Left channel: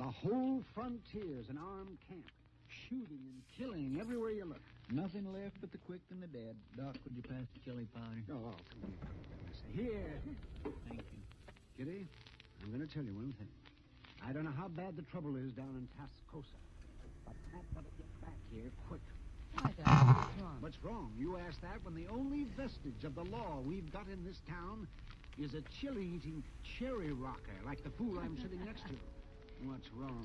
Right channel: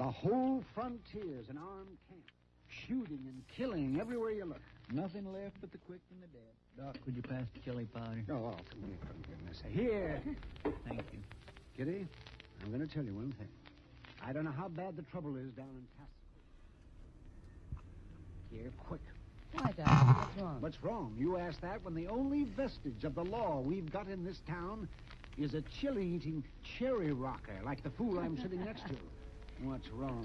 The whole frontier's an armed camp. Shooting and killing everywhere you look. Nothing left but the quick and the dead. Doc, would you pass the chili powder? Oh, come here, for goodness sake. Here. Thank you. Kitty, I'm going to tell you one thing. I don't know how bad the trouble is down in Tascosa, but I've got to get back here quick. Why, Doc? What's wrong? What's wrong? You ask that when the only vestige of the law we've got in this town is a chili-eating cherry rocker like the fool I'm sitting next to. What's wrong?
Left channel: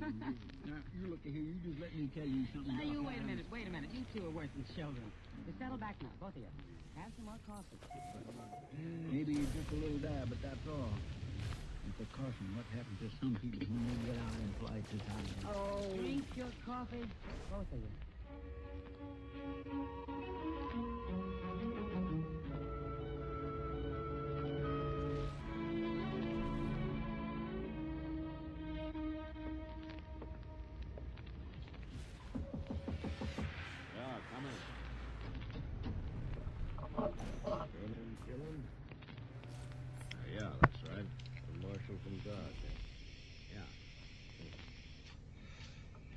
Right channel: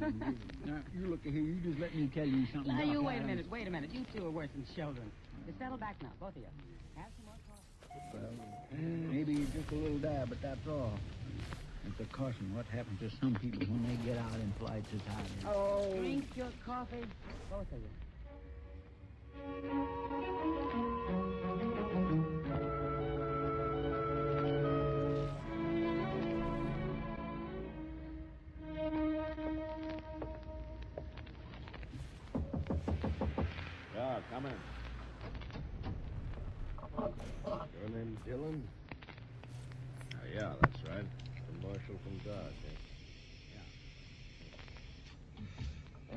Now, you look here. You just let me tell you something. Now, Doc. you wait a minute. You two are worse than children. Just settle back now, both of you. Have some more coffee. Maybe just a little dab, but that's all. It's a caution what happens to some people when they get out in polite society. Oh. Drink your coffee, both of you. Yeah, come in. Your name Dillon? Yeah, that's right. The marshal from Dodge, eh? Yeah.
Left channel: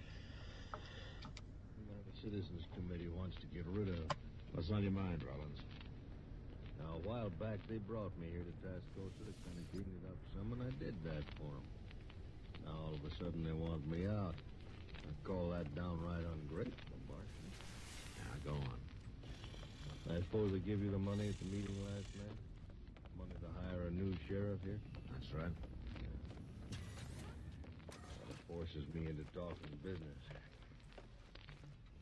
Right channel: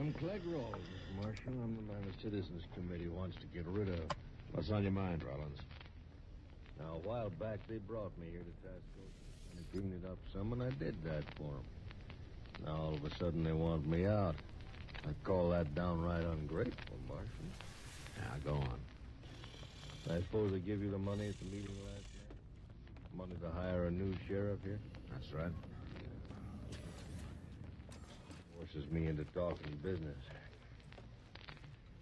I'm Clegg Rawls, Mr. Marshal. I'm the man the Citizens Committee wants to get rid of. What's on your mind, Rollins? Now, a while back, they brought me here to Tascosa to kind of clean it up some, and I did that for them. Now, all of a sudden, they want me out. I call that downright ungrateful, Marshal. Yeah, go on. I suppose they give you the money at the meeting last night? Money to hire a new sheriff here? That's right. Forces me into talking business.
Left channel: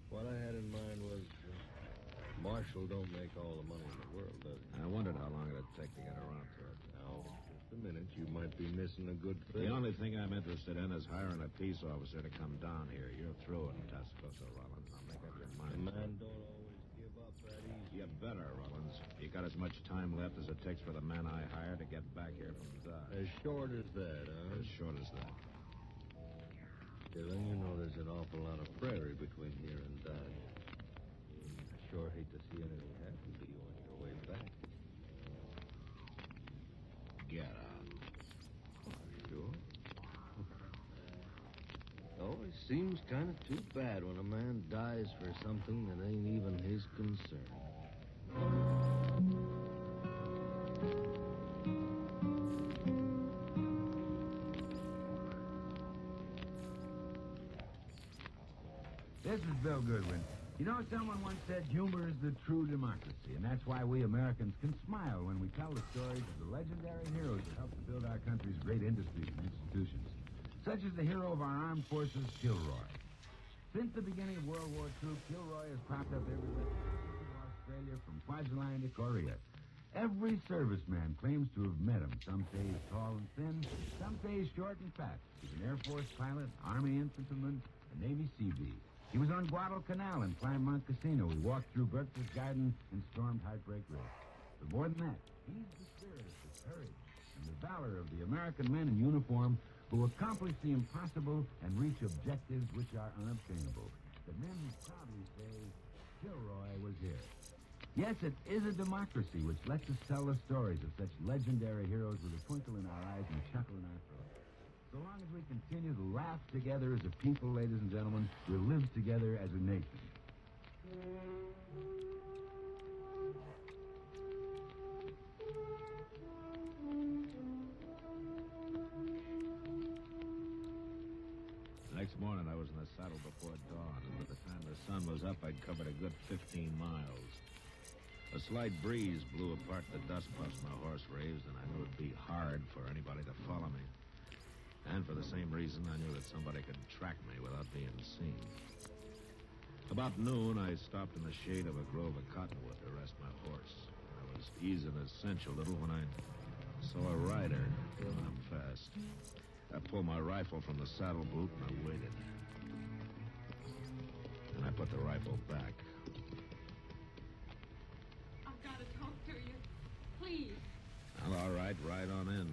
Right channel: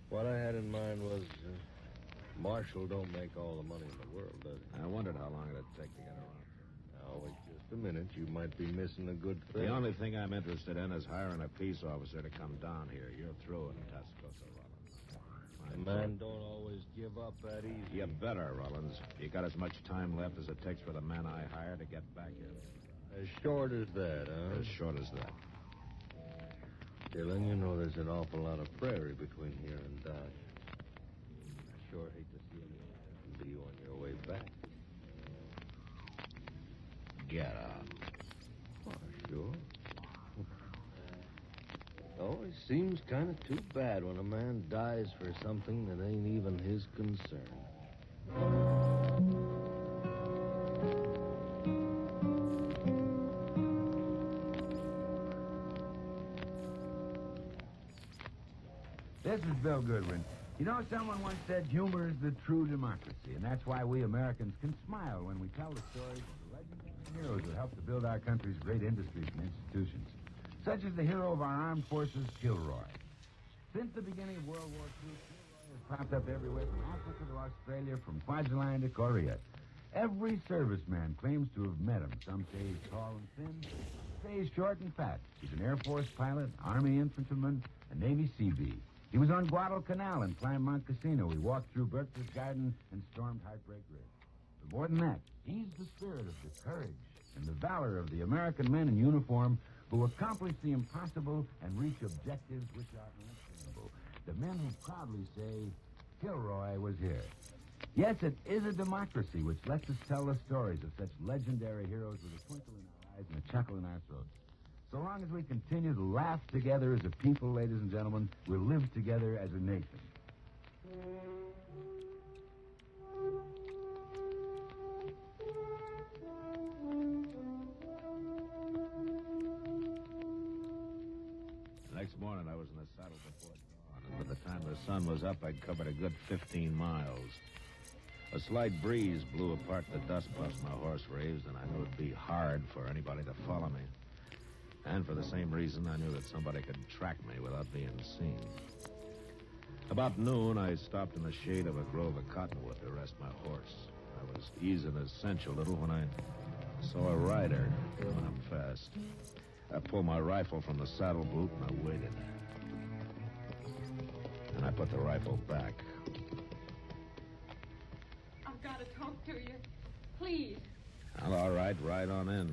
What I had in mind was, Marshal don't make all the money in the world, does he? I wondered how long it'd take to get around to it. Now, in just a minute, you might be missing a good thing. The only thing I'm interested in is hiring a peace officer to come down here. You're through in Tascosa, Rollins. I'm making your The mind. man don't always give up that easy. You better, Rollins. You got as much time left as it takes for the man I hire to get back here from Dodge. As short as that, huh? As short as that. Dillon, you know there's an awful lot of prairie between here and Dodge. I sure hate to see anything happen to you on your way back. Get out. Oh, sure. Always seems kind of too bad when a man dies for something that ain't even his concern. This is Bill Goodwin. You know, someone once said humor is the true democracy, and that's why we Americans can smile when we tell the stories of the legendary heroes who helped to build our country's great industries and institutions, such as the hero of our armed forces, Kilroy. Since the beginning of World War II, Kilroy has popped up everywhere from Africa to Australia, from Kwajalein to Korea. Every serviceman claims to have met him. Some say he's tall and thin, some say he's short and fat. He's an Air Force pilot, Army infantryman, and Navy Seabee. He was on Guadalcanal and climbed Mount Casino. He walked through Berkeley's Garden and stormed Heartbreak Ridge. But more than that, he's the spirit of the courage and the valor of the American men in uniform who accomplish the impossible and reach objectives which are unobtainable. The men who proudly say, Kilroy was here. Yes, it is a democracy which lets us tell the stories of such legendary heroes with a twinkle in our eyes and a chuckle in our throats. So long as we continue to laugh together as a people, ladies and gentlemen, we'll live together as a nation. Next morning, I was in the saddle before dawn, and by the time the sun was up, I'd covered a good 15 miles. A slight breeze blew apart the dust puffs my horse raised, and I knew it'd be hard for anybody to follow me. And for the same reason, I knew that somebody could track me without being seen. About noon, I stopped in the shade of a grove of cottonwood to rest my horse. I was easing a cinch a little when I saw a rider coming up fast. I pulled my rifle from the saddle boot and I waited. And I put the rifle back. I've got to talk to you. Please. Well, all right, ride on in.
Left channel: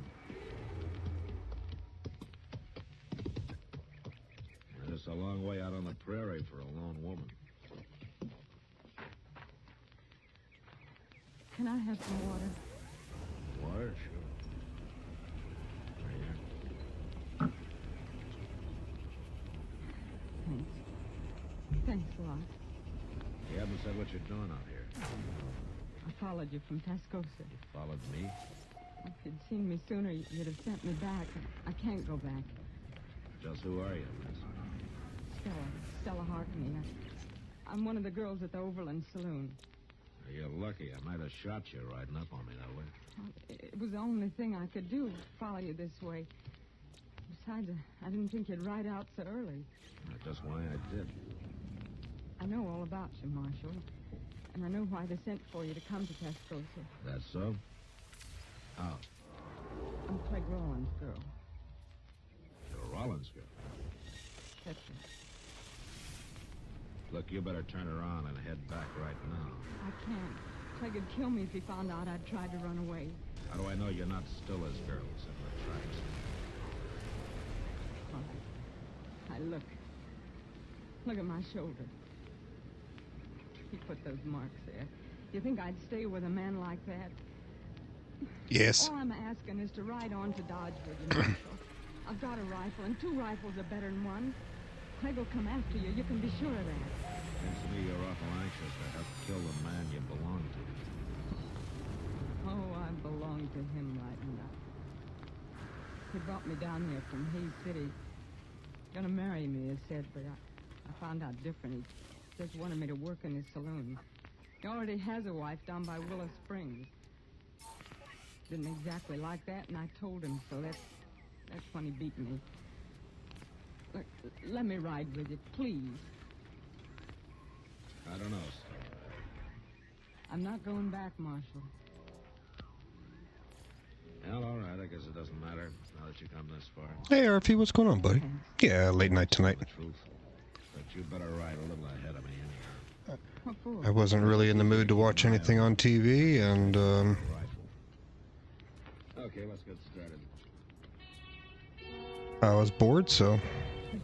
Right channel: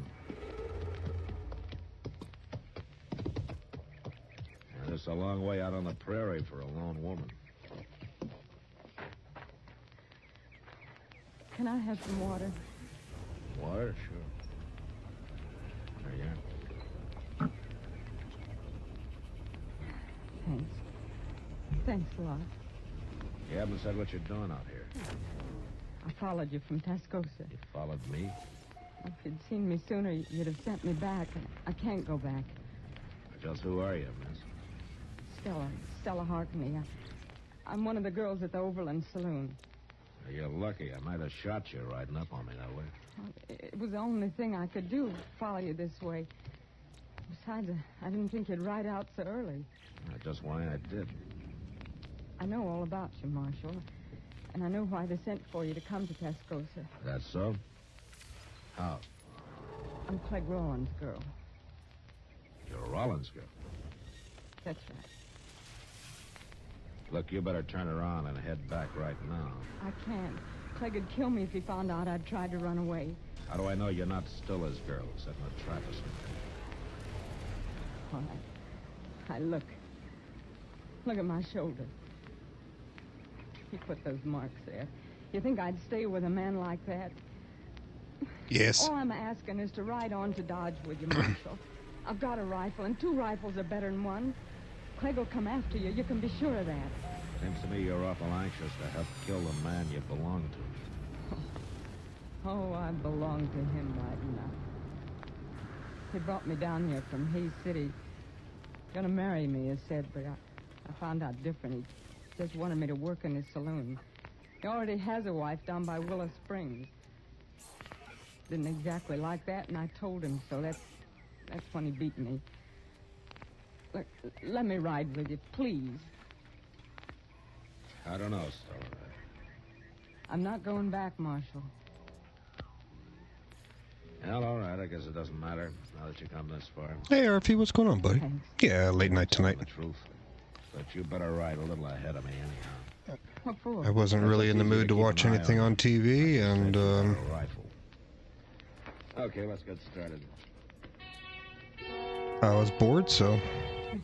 And it's a long way out on the prairie for a lone woman. Can I have some water? Water? Sure. There you are. Thanks. Thanks a lot. You haven't said what you're doing out here. I followed you from Tascosa. You followed me? If you'd seen me sooner, you'd have sent me back. I can't go back. Just who are you, miss? Stella Harkney. I'm one of the girls at the Overland Saloon. You're lucky. I might have shot you riding up on me that way. It was the only thing I could do, follow you this way. Besides, I didn't think you'd ride out so early. That's just why I did. I know all about you, Marshal. And I know why they sent for you to come to Tascosa. That's so? How? I'm Clegg Rollins' girl. You're a Rollins girl. That's right. Look, you better turn around and head back right now. I can't. Clegg would kill me if he found out I'd tried to run away. How do I know you're not still his girl, except for Travis? All right. Look. Look at my shoulder. He put those marks there. You think I'd stay with a man like that? Yes. All I'm asking is to ride on to Dodge with you, Marshal. I've got a rifle, and 2 rifles are better than one. Clegg will come after you. You can be sure of that. Seems to me you're awful anxious to help kill the man you belong to. Oh, I belong to him right now. He brought me down here from Hayes City. Gonna marry me, he said, but I found out different. He just wanted me to work in his saloon. He already has a wife down by Willow Springs. Didn't exactly like that, and I told him so. That's when he beat me. Look, let me ride with you, please. I don't know, Stella. I'm not going back, Marshal. Well, all right. I guess it doesn't matter now that you come this far. Hey, RP, what's going on, buddy? Thanks. Yeah, late night tonight. The truth. But you better ride a little ahead of me anyhow. What for? I wasn't really in the mood to watch anything on TV, and, Rifle. Okay, let's get started. I was bored, so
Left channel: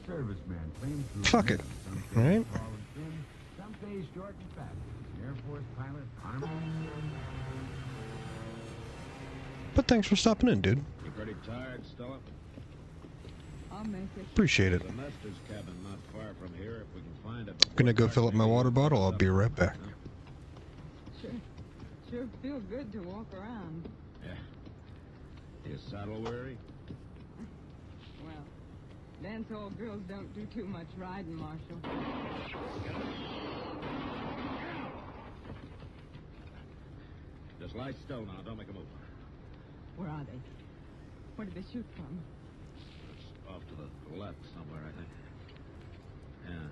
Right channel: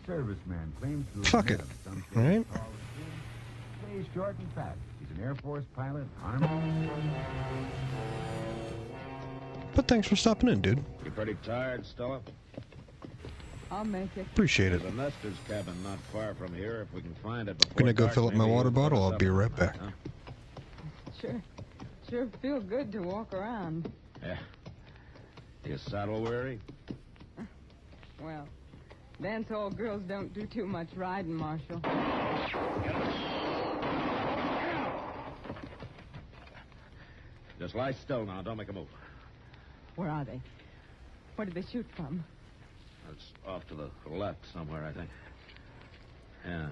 Serviceman claims to fuck it, some right? Some days short and fast. An Air Force pilot, Army. But thanks for stopping in, dude. You pretty tired, Stella? I'll make it. Appreciate it. There's a nester's cabin not far from here. If we can find it before Gonna go dark, fill up my maybe water we can bottle. put I'll us be up right all night, back. huh? Sure feel good to walk around. Yeah. You saddle weary? Well, dance hall girls don't do too much riding, Marshal. Just lie still now. Don't make a move. Where are they? Where did they shoot from? It's off to the left somewhere, I think. Yeah.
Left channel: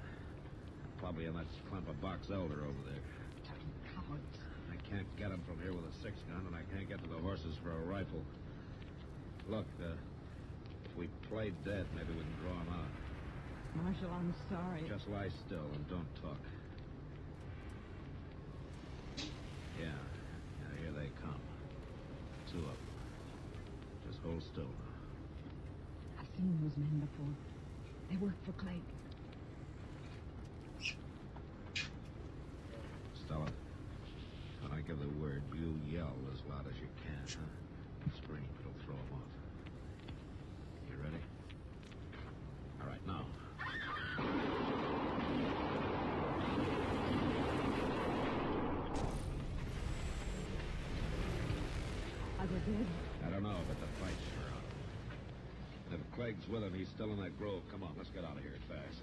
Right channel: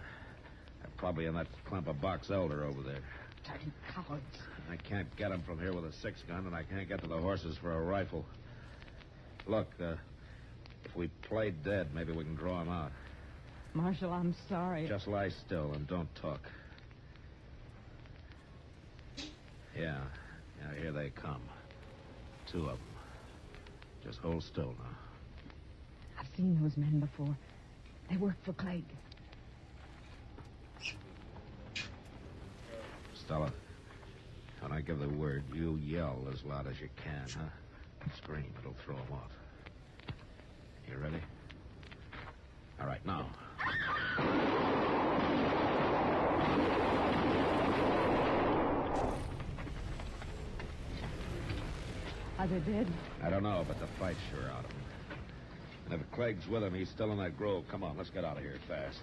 Probably in that clump of box elder over there. Dirty cowards. I can't get him from here with a 6-gun, and I can't get to the horses for a rifle. Look, if we play dead, maybe we can draw him out. Marshal, I'm sorry. Just lie still and don't talk. Yeah, here they come. 2 of them. Just hold still now. I've seen those men before. They worked for Clegg. Stella, when I give the word, you yell as loud as you can, huh? Scream, it'll throw them off. You ready? All right, now. Are they dead? I don't know, but the fight's sure out of him. And if Clegg's with him, he's still in that grove. Come on, let's get out of here fast.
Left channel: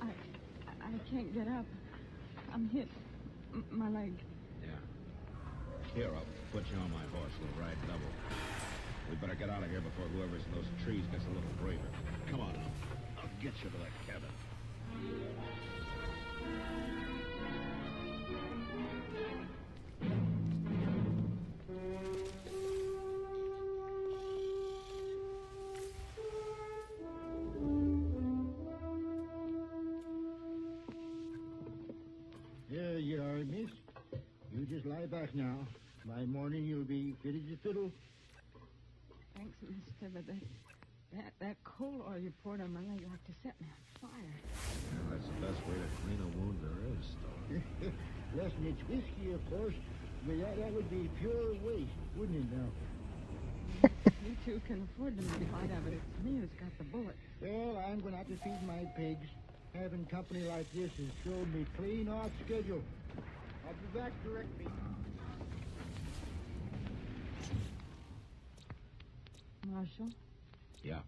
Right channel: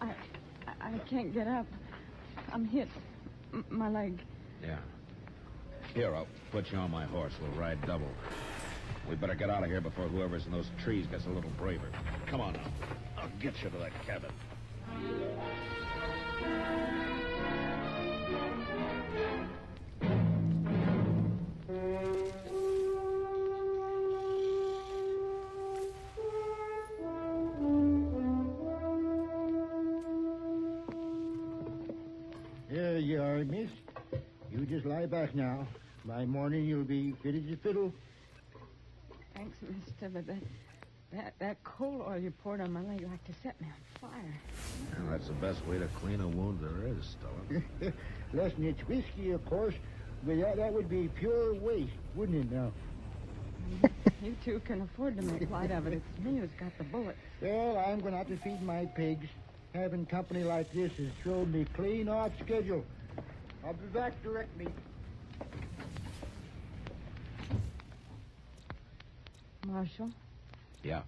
I can't get up. I'm hit. My leg. Yeah. Here, I'll put you on my horse. We'll ride double. We better get out of here before whoever's in those trees gets a little braver. Come on now. I'll get you to that cabin. There you are, miss. You just lie back now. By morning, you'll be fit as a fiddle. Thanks, mister, but that coal oil you poured on my leg like to set me on fire. Yeah, that's the best way to clean a wound there is, Stella. Less than it's whiskey, of course, but that would be pure waste, wouldn't it now? You two can afford to make light of it. It's me who's got the bullet. Well, I'm going to have to feed my pigs. Having company like this has showed me clean off schedule. I'll be back directly. Marshal, Yeah.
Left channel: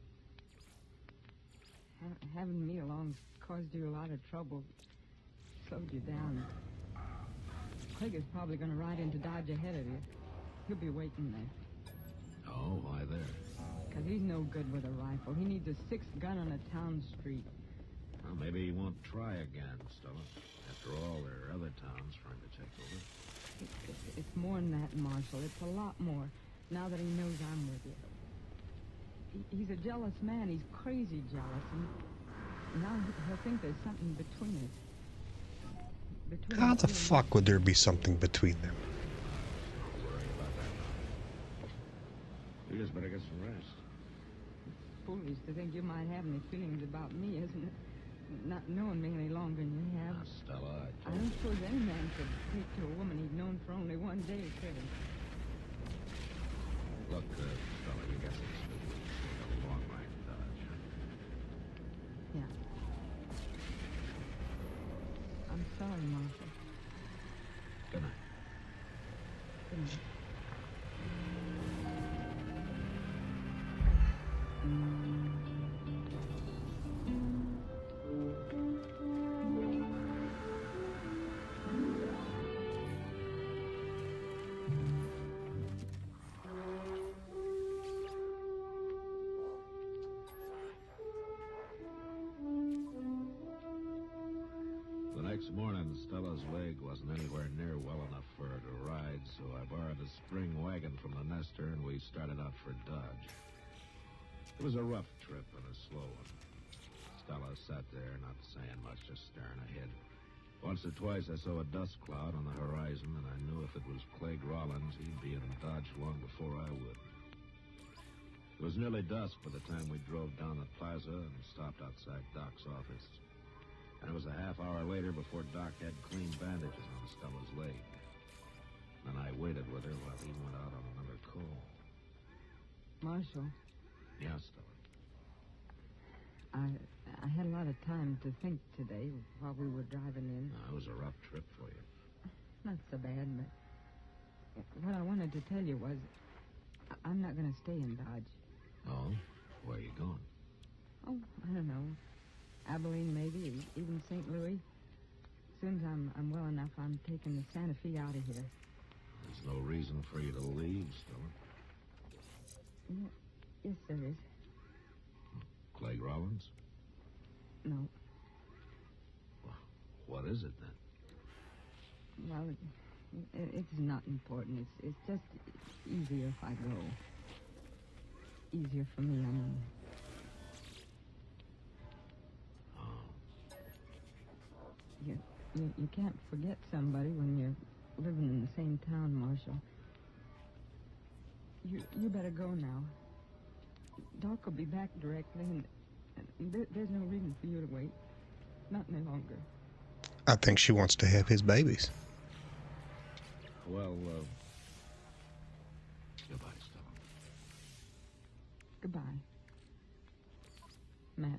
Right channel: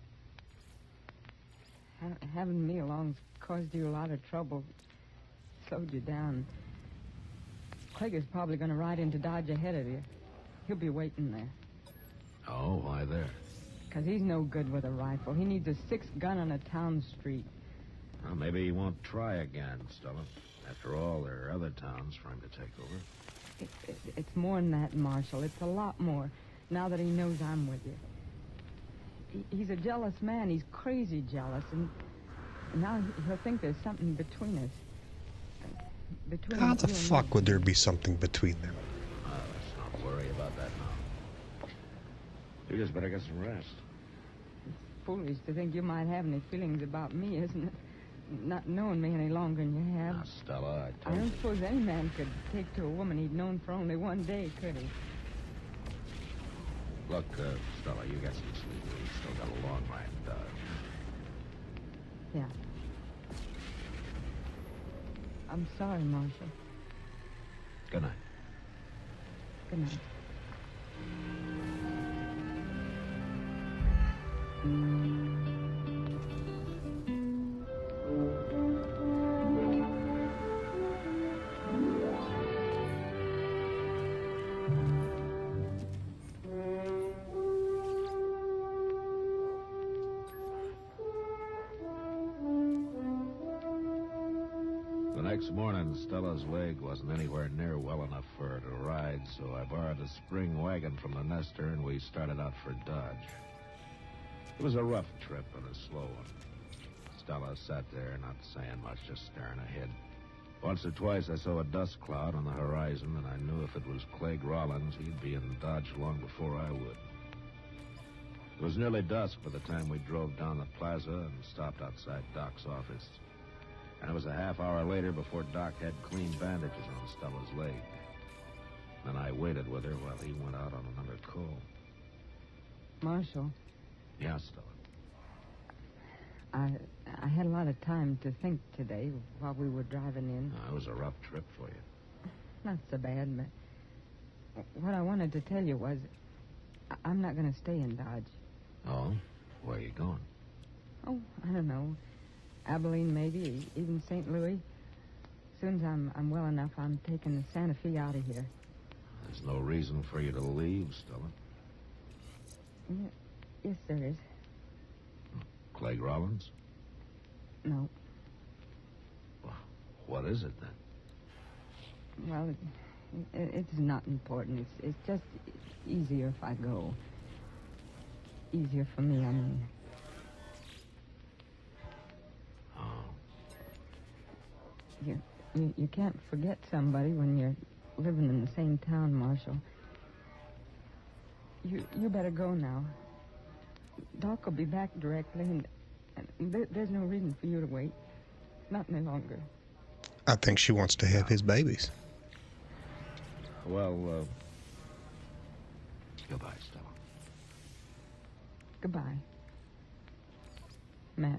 having me along caused you a lot of trouble. Slowed you down. Craig is probably going to ride into Dodge ahead of you. He'll be waiting there. Oh, why there? Because he's no good with a rifle. He needs a 6 gun on a town street. Well, maybe he won't try again, Stella. After all, there are other towns for him to take over. It's more than that, Marshal. It's a lot more, now that he knows I'm with you. He's a jealous man. He's crazy jealous, and now he'll think there's something between us. How the fuck would there be something between them? Don't worry about that now. You just better get some rest. Foolish to think you might have any feelings about me, isn't it? Not knowing me any longer than you have. Now, Stella, I don't suppose any man could take to a woman he'd known for only one day, could he? Look, Stella, you got some speed. You got a long ride in Dodge. Yeah. I'm sorry, Marshal. Good night. Good night. Next morning, Stella's leg wasn't anywhere near well enough for her to ride, so I borrowed a spring wagon from the Nestor, and we started out for Dodge. It was a rough trip and a slow one. Stella sat there, not saying much, just staring ahead. Once or twice, I saw a dust cloud on the horizon, and I knew if it was Clegg Rollins, he'd be in Dodge long before I would. It was nearly dusk by the time we drove down the plaza and stopped outside Doc's office. And it was a half hour later before Doc had clean bandages on Stella's leg. And I waited with her while he went out on another call. Marshal, Yeah, Stella. I had a lot of time to think today while we were driving in. It was a rough trip for you. Not so bad, but what I wanted to tell you was I'm not going to stay in Dodge. Oh? Where are you going? Oh, I don't know. Abilene, maybe, even St. Louis. As soon as I'm well enough, I'm taking the Santa Fe out of here. There's no reason for you to leave, Stella. Yes, there is. Clegg Rollins? No. Well, what is it, then? Well, it's not important. It's just easier if I go. Easier for me, I mean. You can't forget somebody when you're living in the same town, Marshal. You better go now. Doc will be back directly, and there's no reason for you to wait. Not any longer. I think she wants to have his babies. Well, goodbye, Stella. Goodbye, Matt.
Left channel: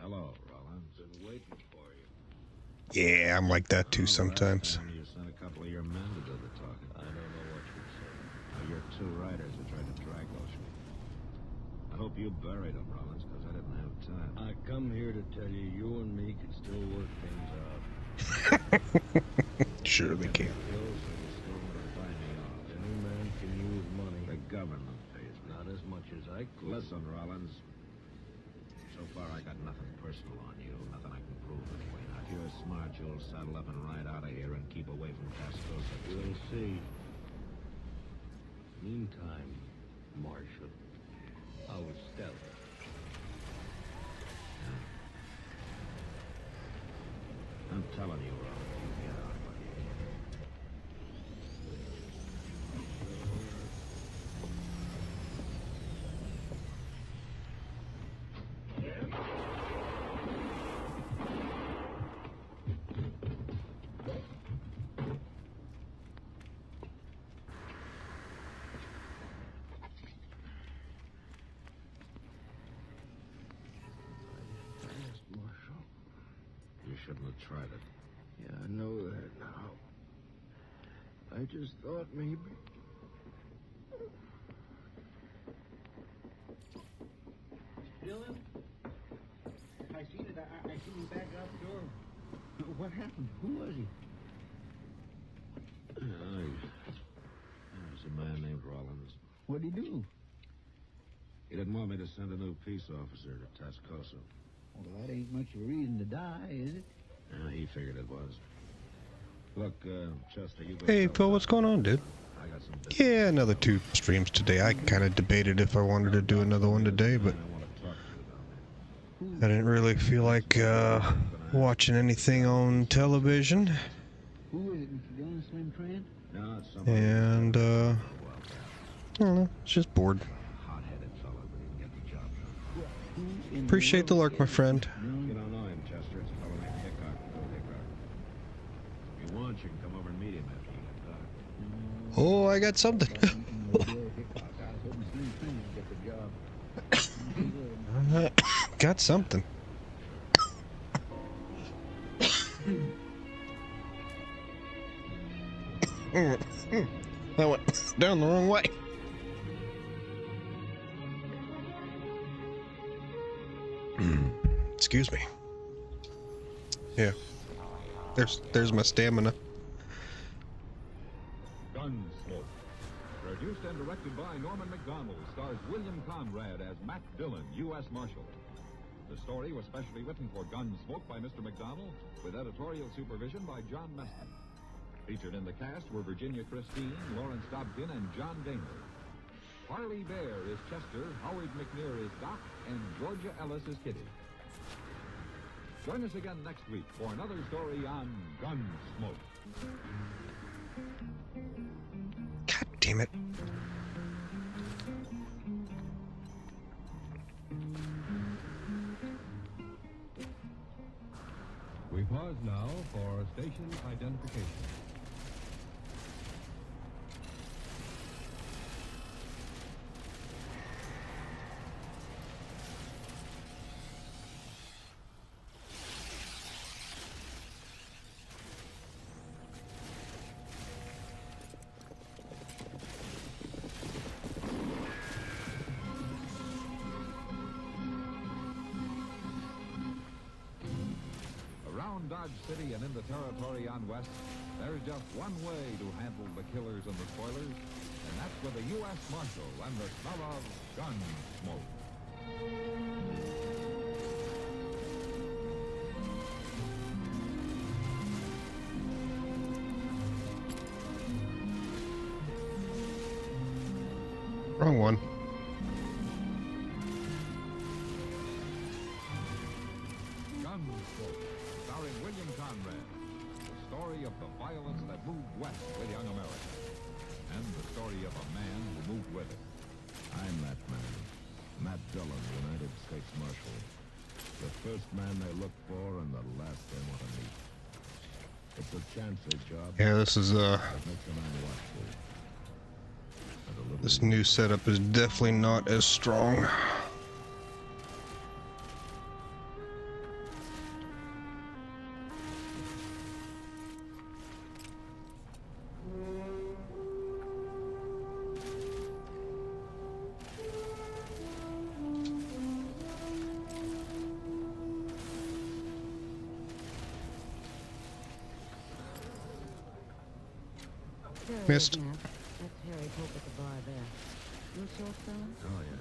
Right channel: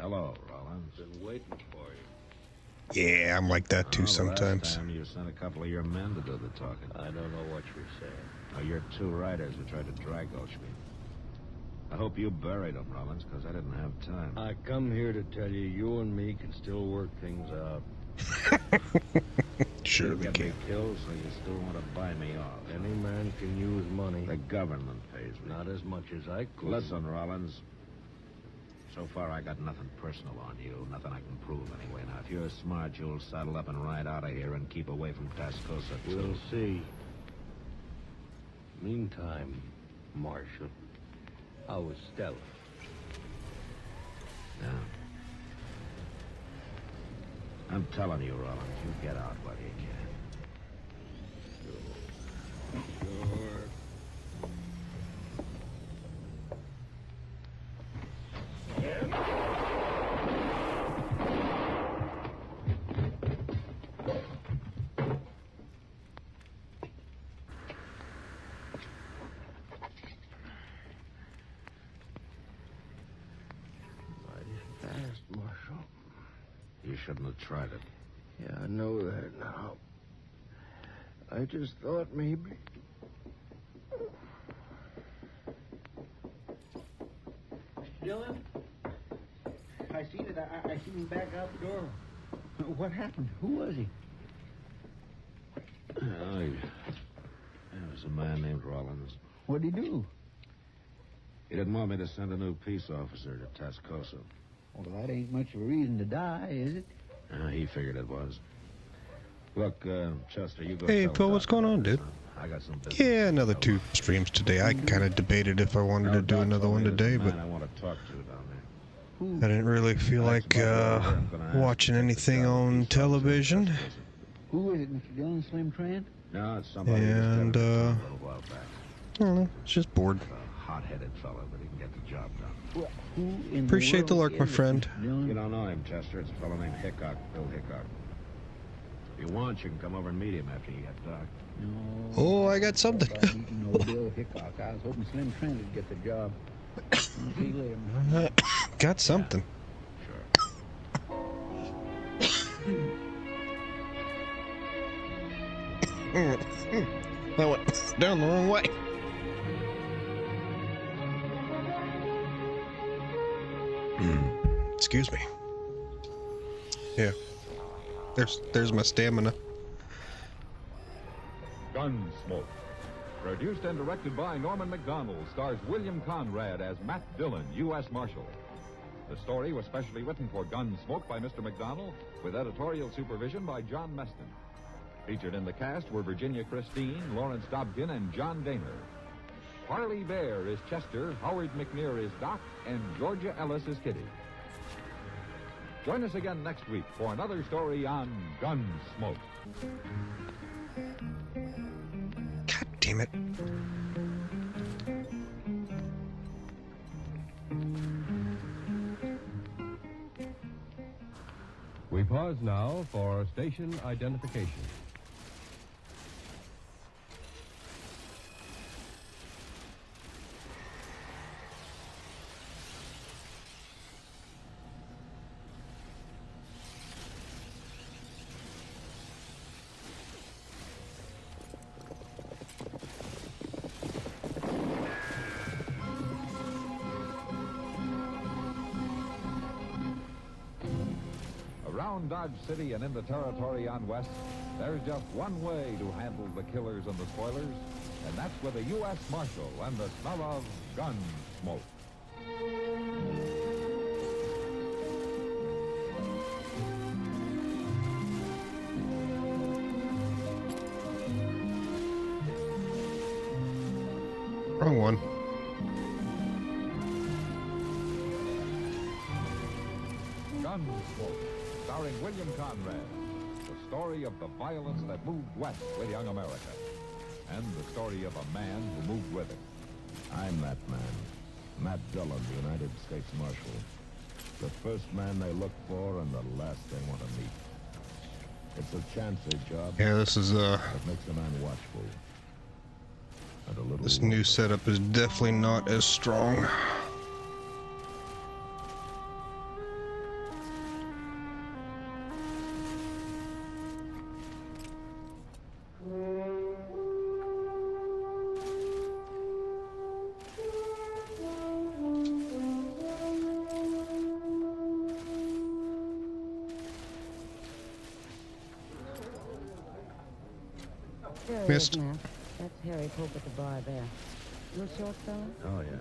Hello, Rollins. Been waiting for you. Yeah, I'm like that too sometimes. Last time you sent a couple of your men to do the talking. I don't know what you're saying. Now, you're 2 riders who tried to drag Oshby. I hope you buried them, Rollins, because I didn't have time. I come here to tell you, you and me can still work things out. Sure we Get can. me killed, so you still want to buy me off. Any man can use money. The government pays me. Not as much as I could. Listen, Rollins. So far, I got nothing personal on you. Nothing I can prove, anyway. Now, if you're smart, you'll saddle up and ride out of here and keep away from Tascosa. We'll see. Meantime, Marshal, how was Stella? Yeah. I'm telling you, Rollins, you get out while you can. Sure. shouldn't have tried it. Yeah, I know that now. I just thought maybe. Dylan? I seen it. I seen him back out the door. What happened? Who was he? Oh, there was a man named Rollins. What'd he do? He didn't want me to send a new peace officer to Tascosa. Well, that ain't much of a reason to die, is it? He figured it was. Look, Chester, you go. Hey, tell Phil, him what's going on, dude? I got some business. Yeah, another 2 streams today. I kind of debated if I wanted to do another one today, but I want to talk to you down there. I didn't really feel like watching anything on television. Who is it, Mr. Dillon? Slim Trent? No, it's somebody. And, a while back. I don't know, it's just bored. Hot-headed fella, but he can get the job done. Well, who in Appreciate the world lurk, my is it, friend. Mr. Dillon? You don't know him, Chester. It's a fellow named Hickok, Bill Hickok. If you want, you can come over and meet him after you get dark. Oh, I got something. No, Bill Hickok. I was hoping Slim Trent would get the job. See you later, man. Got something. That went down the wrong way. Excuse me. Yeah. There's my stamina. Gunsmoke. Produced and directed by Norman McDonald, stars William Conrad as Matt Dillon, U.S. Marshal. The story was specially written for Gunsmoke by Mr. McDonald, with editorial supervision by John Meston. Featured in the cast were Virginia Christine, Lawrence Dobkin, and John Daner. Harley Bear is Chester, Howard McNear is Doc, and Georgia Ellis is Kitty. Join us again next week for another story on Gunsmoke. God damn it. We pause now for station identification. Around Dodge City and in the territory on West, there's just one way to handle the killers and the spoilers, and that's with a U.S. Marshal and the smell of gun smoke. Wrong one. Gunsmoke, starring William Conrad. The story of the violence that moved west with young America. And the story of a man who moved with it. I'm that man. Matt Dillon, the United States Marshal. The first man they look for and the last they want to meet. It's a chancy job. Yeah, this is It makes a man watchful. And a little this new setup is definitely not as strong. Missed. That's Harry Pope at the bar there. You a short fella? Oh, yeah.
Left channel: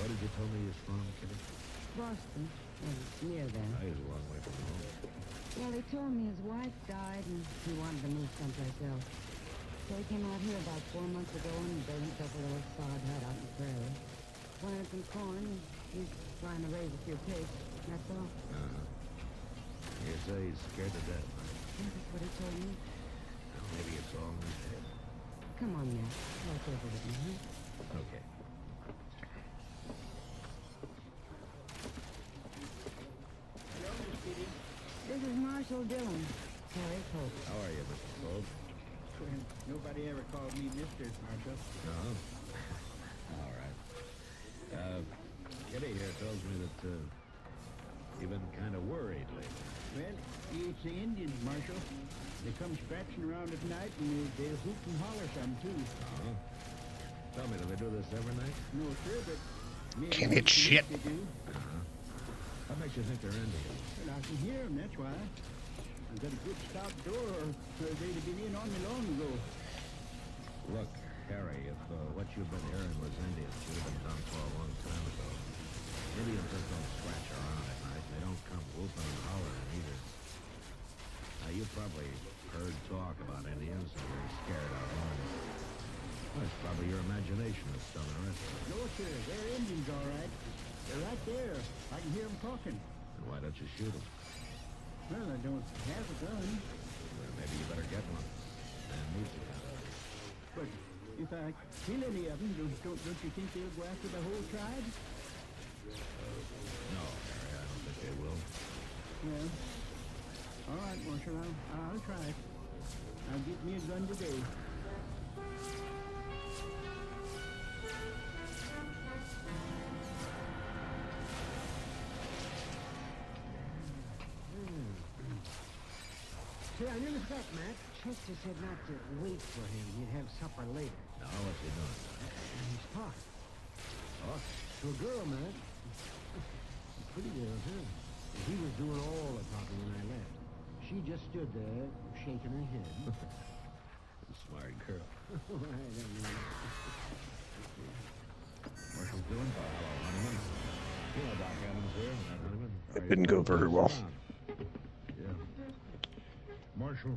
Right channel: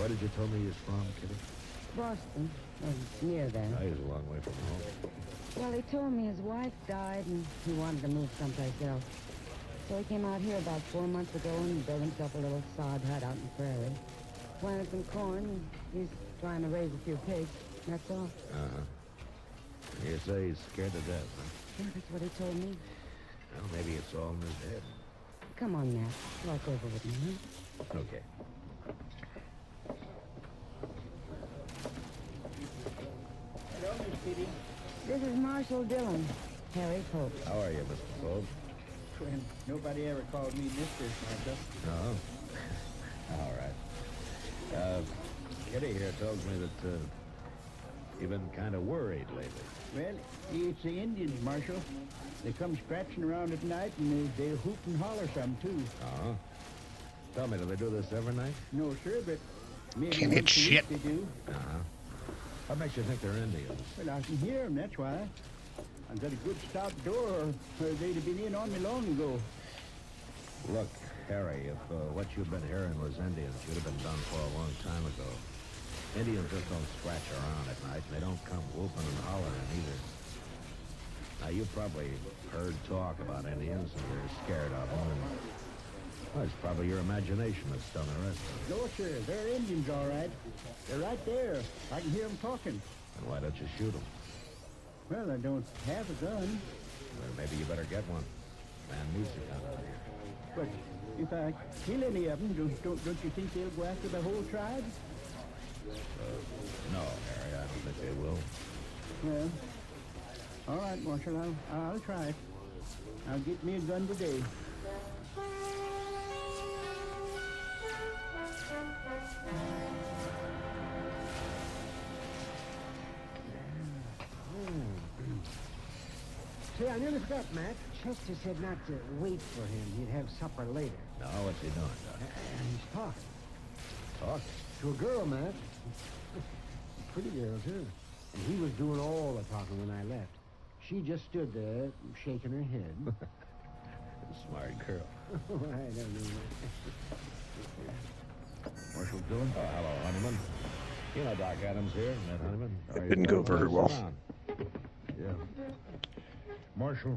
Where did you tell me he's from, Kitty? Boston. Near there. Oh, he's a long way from home. Well, he told me his wife died and he wanted to move someplace else. So he came out here about 4 months ago and built himself a little sod hut out in the prairie. Planted some corn and he's trying to raise a few pigs. That's all. Uh-huh. You say he's scared to death, huh? Yeah, that's what he told me. Well, maybe it's all in his head. Come on, Matt. Talk over with me, huh? Okay. Hello, Miss Kitty. This is Marshal Dillon. Harry Pope. How are you, Mr. Pope? Trent, nobody ever called me Mr. Marshal. No? All right. Kitty here tells me that You've been kind of worried lately. Well, it's the Indians, Marshal. They come scratching around at night, and they hoot and holler some, too. Uh-huh. Tell me, do they do this every night? No, sir, but... Can't hit shit. They do. Uh-huh. What makes you think they're Indians? Well, I can hear them, that's why. I've got a good stout door, or they'd have been in on me long ago. Look, Harry, if what you've been hearing was Indians, you'd have been done for a long time ago. Indians just don't scratch around at night, and they don't come whooping and hollering either. Now, you've probably heard talk about Indians, and you're scared out of them. Well, it's probably your imagination that's done the rest of it. No, sir, they're Indians, all right. They're right there. I can hear them talking. And why don't you shoot them? Well, I don't have a gun. Well, maybe you better get one. Man needs a gun. But if I kill any of them, don't you think they'll go after the whole tribe? No, Harry, I don't think they will. Well, all right, Marshal, I'll try. I'll get me a gun today. Say, I never forgot, Matt. Chester said not to wait for him. He'd have supper later. Now, what's he doing, Doc? He's talking. Talking? To a girl, Matt. Pretty girl, too. And he was doing all the talking when I left. She just stood there, shaking her head. Smart girl. I don't know. Marshal Dillon? Oh, hello, Honeyman. You know Doc Adams here, isn't that Honeyman? It didn't go very well. Yeah. Marshal,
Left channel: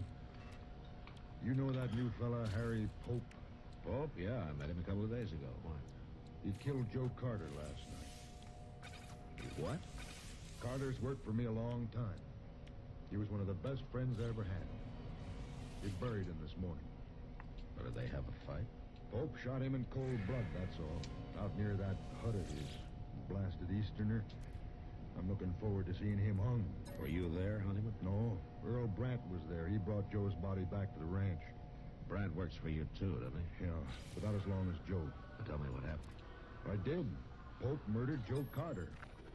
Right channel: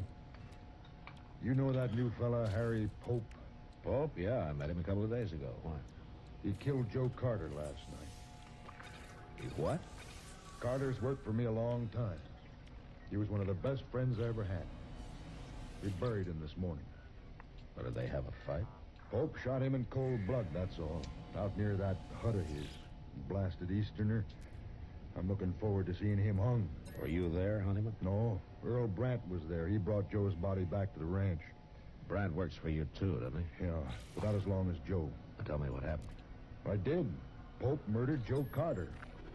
you know that new fella, Harry Pope? Pope? Yeah, I met him a couple of days ago. Why? He killed Joe Carter last night. What? Carter's worked for me a long time. He was one of the best friends I ever had. We buried him this morning. Or did they have a fight? Pope shot him in cold blood, that's all. Out near that hut of his. Blasted Easterner. I'm looking forward to seeing him hung. Were you there, Honeyman? No, Earl Brandt was there. He brought Joe's body back to the ranch. Brandt works for you, too, doesn't he? Yeah, but not as long as Joe. Now tell me what happened. I did. Pope murdered Joe Carter.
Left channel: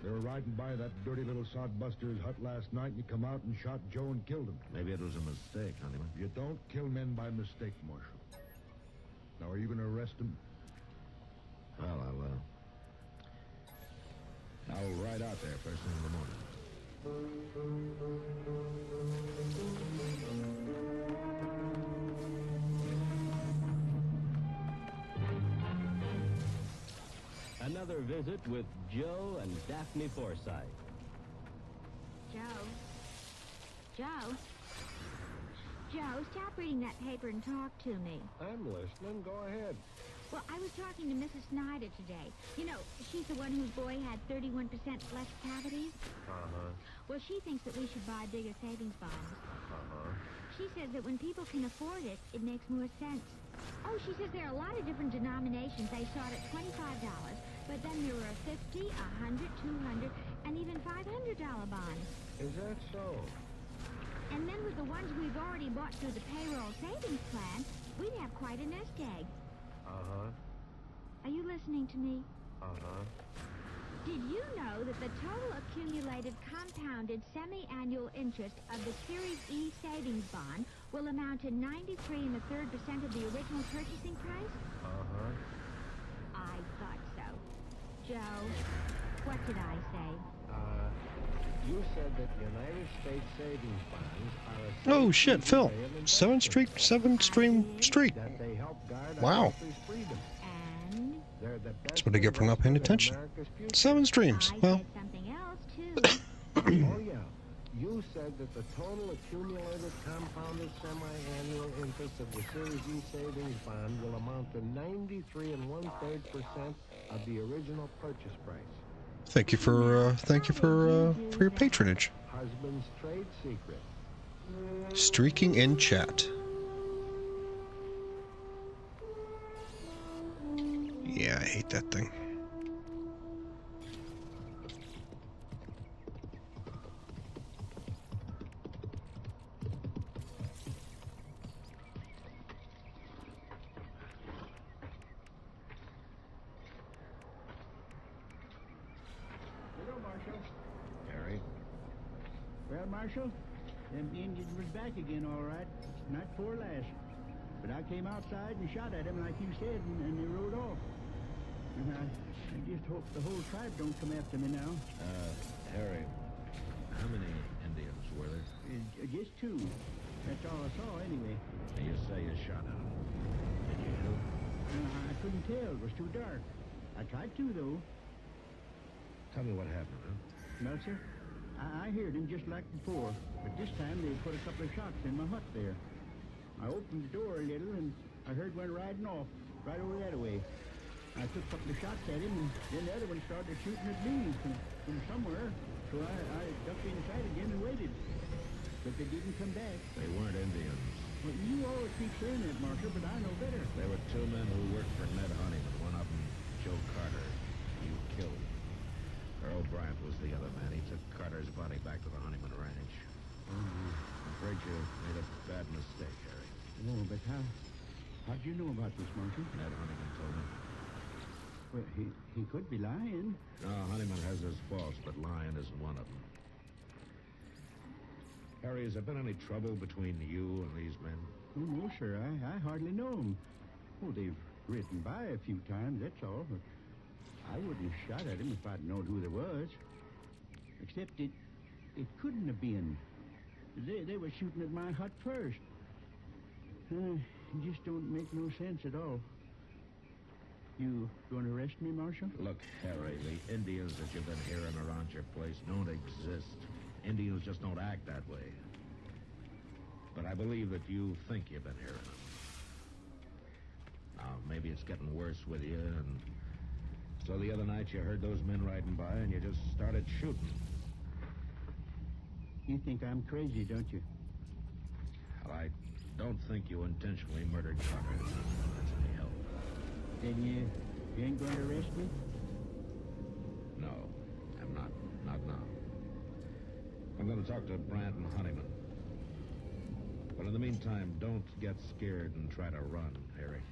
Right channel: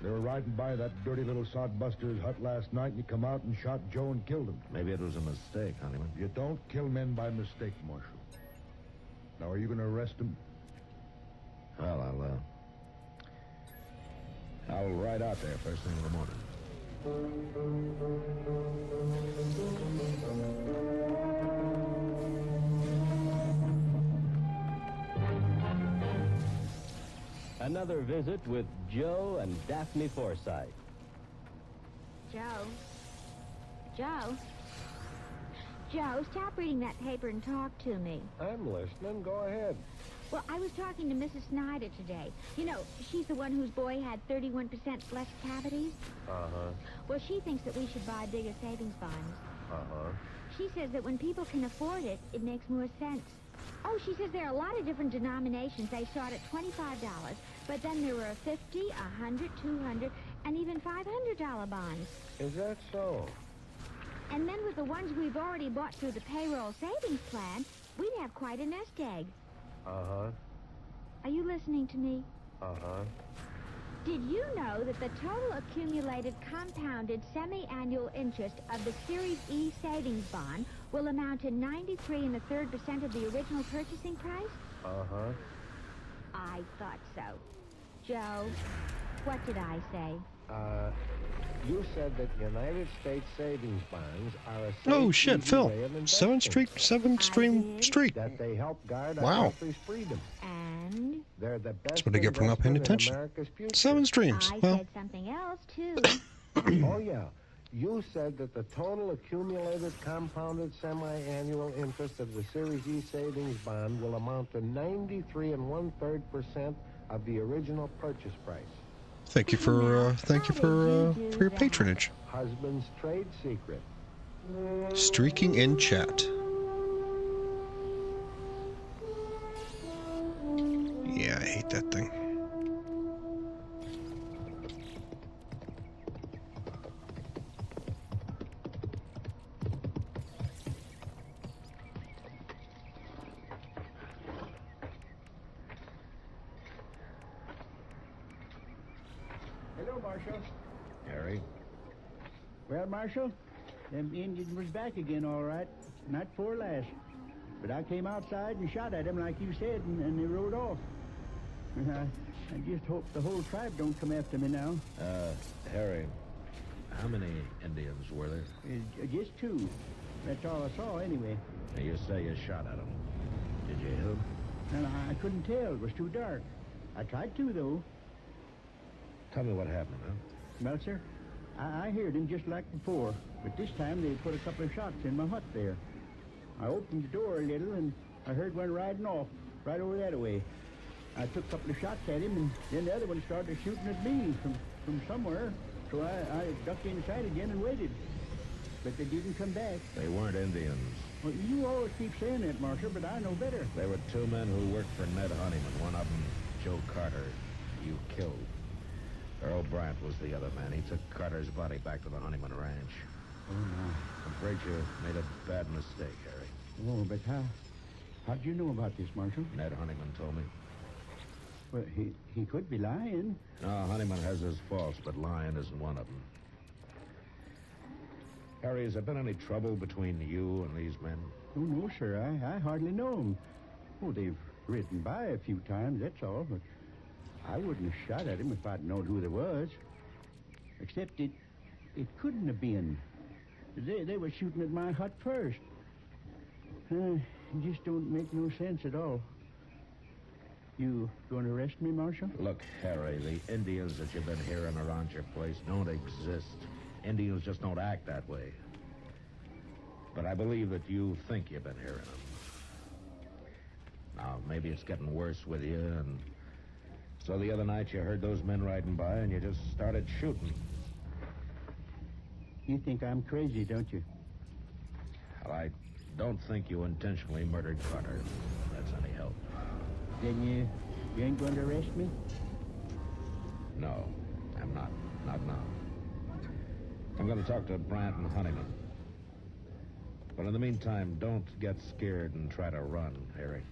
They were riding by that dirty little sodbuster's hut last night, and he come out and shot Joe and killed him. Maybe it was a mistake, Honeyman. You don't kill men by mistake, Marshal. Now, are you going to arrest him? Well, I'll ride out there first thing in the morning. Another visit with Joe and Daphne Forsythe. Joe? Joe? Joe, stop reading that paper and talk to me. I'm listening. Go ahead. Well, I was talking to Mrs. Snyder today. You know, she's the one whose boy had 31% less cavities. Uh-huh. Well, she thinks that we should buy bigger savings bonds. Uh-huh. She says that when people can afford it, it makes more sense. Oh, she says there are a lot of different denominations. They start at $25, but then there are 50, 100, 200, and even $500 bonds. Is that so? And then with the ones we've already bought through the payroll savings plan, we'd have quite a nest egg. Uh-huh. Are you listening to me? Uh-huh. Did you know that the total accumulated compounded semi-annual interest of the Series E savings bond will amount to 93 1/3% of the original purchasing price? Uh-huh. I thought so. Joe, what did I say? You said that United States savings bonds are a Oh shit, Phil. 7-stream streak. that they help guard our Wow. country's freedom. And They're the That's best what I get for not paying investment in attention. America's future. 7 streams. I Well, said something else, too. Oh, yeah. You said that the total accumulated compounded semi-annual interest of the Series E savings bond will amount to 93 1/3% of the original purchase price. thank you for your patronage. Husband's trade secret. Streaking in chat. Yeah, I hate that thing. Hello, Marshal. Harry? Well, Marshal, them Indians was back again, all right. Not for last. But I came outside and shot at them like you said, and they rode off. And I just hope the whole tribe don't come after me now. Harry, how many Indians were there? Just two. That's all I saw, anyway. You say you shot at them. Did you hit them? And I couldn't tell. It was too dark. I tried to, though. Tell me what happened, huh? Well, sir, I heard him just like before. But this time they put a couple of shots in my hut there. I opened the door a little, and I heard one riding off right over that way. I took a couple of shots at him, and then the other one started shooting at me from somewhere. So I ducked inside again and waited. But they didn't come back. They weren't Indians. Well, you always keep saying that, Marshal, but I know better. They were two men who worked for Ned Honeyman. One of them, Joe Carter, you killed. Earl Brandt was the other man. He took Carter's body back to the Honeyman Ranch. I'm afraid you made a bad mistake, Harry. Oh, but how'd you know about this, Marshal? Ned Honeyman told me. Well, he could be lying. No, Honeyman has his faults, but lying isn't one of them. Harry, has there been any trouble between you and these men? Oh, no, sir. I hardly know them. Oh, they've ridden by a few times, that's all. But I wouldn't have shot at him if I'd known who there was. Except it couldn't have been. They were shooting at my hut first. It just don't make no sense at all. You going to arrest me, Marshal? Look, Harry, the Indians that you've been hearing around your place don't exist. Indians just don't act that way. But I believe that you think you've been hearing them. Now, maybe it's getting worse with you, and so the other night you heard those men riding by and you just started shooting. You think I'm crazy, don't you? Well, I don't think you intentionally murdered Carter. If that's any help. Then you ain't going to arrest me? No, I'm not. Not now. I'm going to talk to Brandt and Honeyman. But in the meantime, don't get scared and try to run, Harry.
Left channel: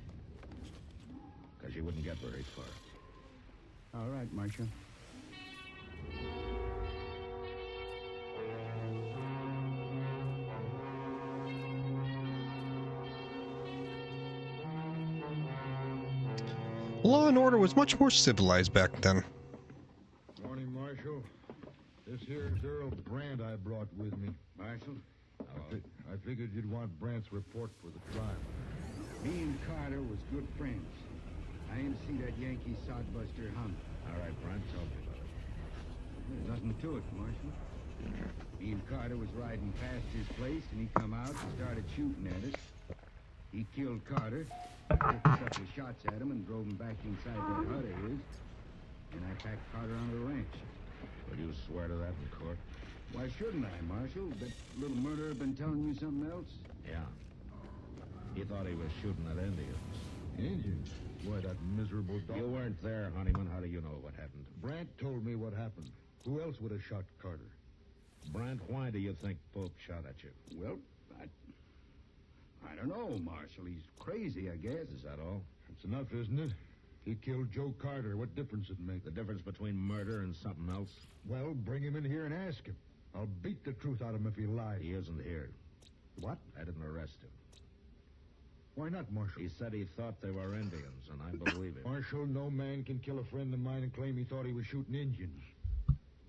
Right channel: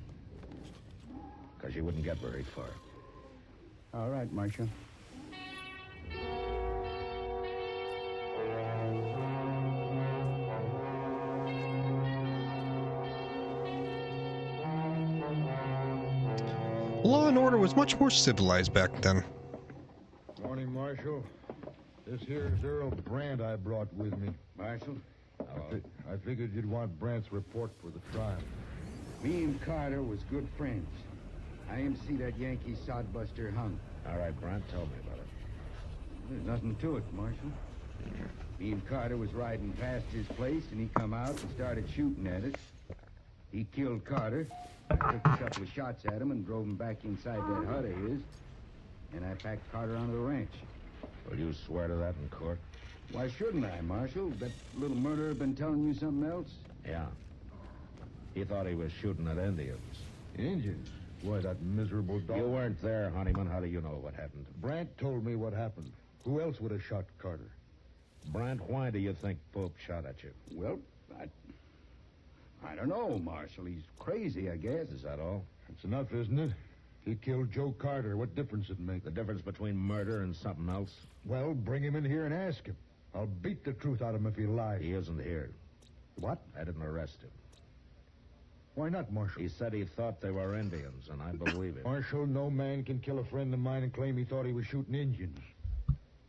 Because you wouldn't get very far. All right, Marshal. Law and order was much more civilized back then. Morning, Marshal. This here's Earl Brandt I brought with me. Marshal? I figured you'd want Brandt's report for the trial. Me and Carter was good friends. I aim to see that Yankee sodbuster hung. All right, Brandt, tell me about it. There's nothing to it, Marshal. Me and Carter was riding past his place, and he come out and started shooting at us. He killed Carter, took a couple of shots at him, and drove him back inside that hut of his. And I packed Carter onto the ranch. Will you swear to that in court? Why shouldn't I, Marshal? That little murderer been telling you something else? Yeah. He thought he was shooting at Indians. Indians? Why, that miserable dog... You weren't there, Honeyman. How do you know what happened? Brandt told me what happened. Who else would have shot Carter? Brandt, why do you think Pope shot at you? Well, I don't know, Marshal. He's crazy, I guess. Is that all? That's enough, isn't it? He killed Joe Carter. What difference it make? The difference between murder and something else? Well, bring him in here and ask him. I'll beat the truth out of him if he lies. He isn't here. What? I didn't arrest him. Why not, Marshal? He said he thought they were Indians, and I believe him. Marshal, no man can kill a friend of mine and claim he thought he was shooting Indians.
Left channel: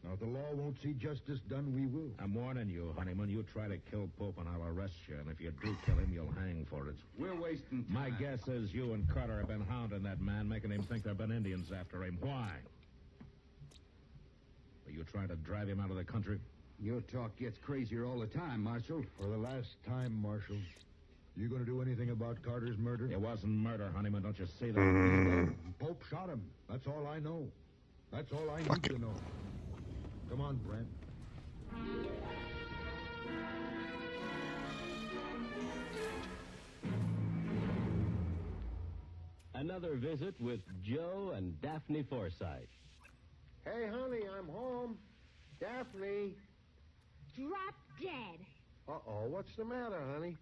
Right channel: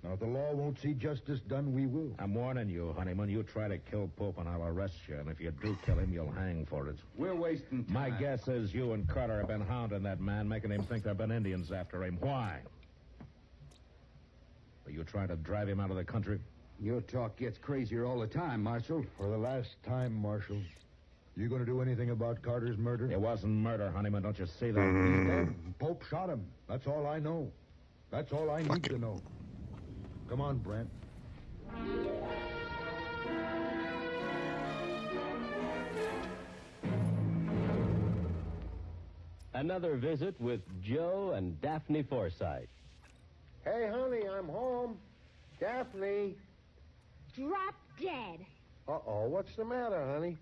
Now, if the law won't see justice done, we will. I'm warning you, Honeyman. You try to kill Pope, and I'll arrest you. And if you do kill him, you'll hang for it. We're wasting time. My guess is you and Carter have been hounding that man, making him think there have been Indians after him. Why? Are you trying to drive him out of the country? Your talk gets crazier all the time, Marshal. For the last time, Marshal. You going to do anything about Carter's murder? It wasn't murder, Honeyman. Don't you see that? Pope shot him. That's all I know. That's all I need to know. Come on, Brandt. Another visit with Joe and Daphne Forsythe. Hey, honey, I'm home. Daphne. Drop dead. Uh-oh, what's the matter, honey?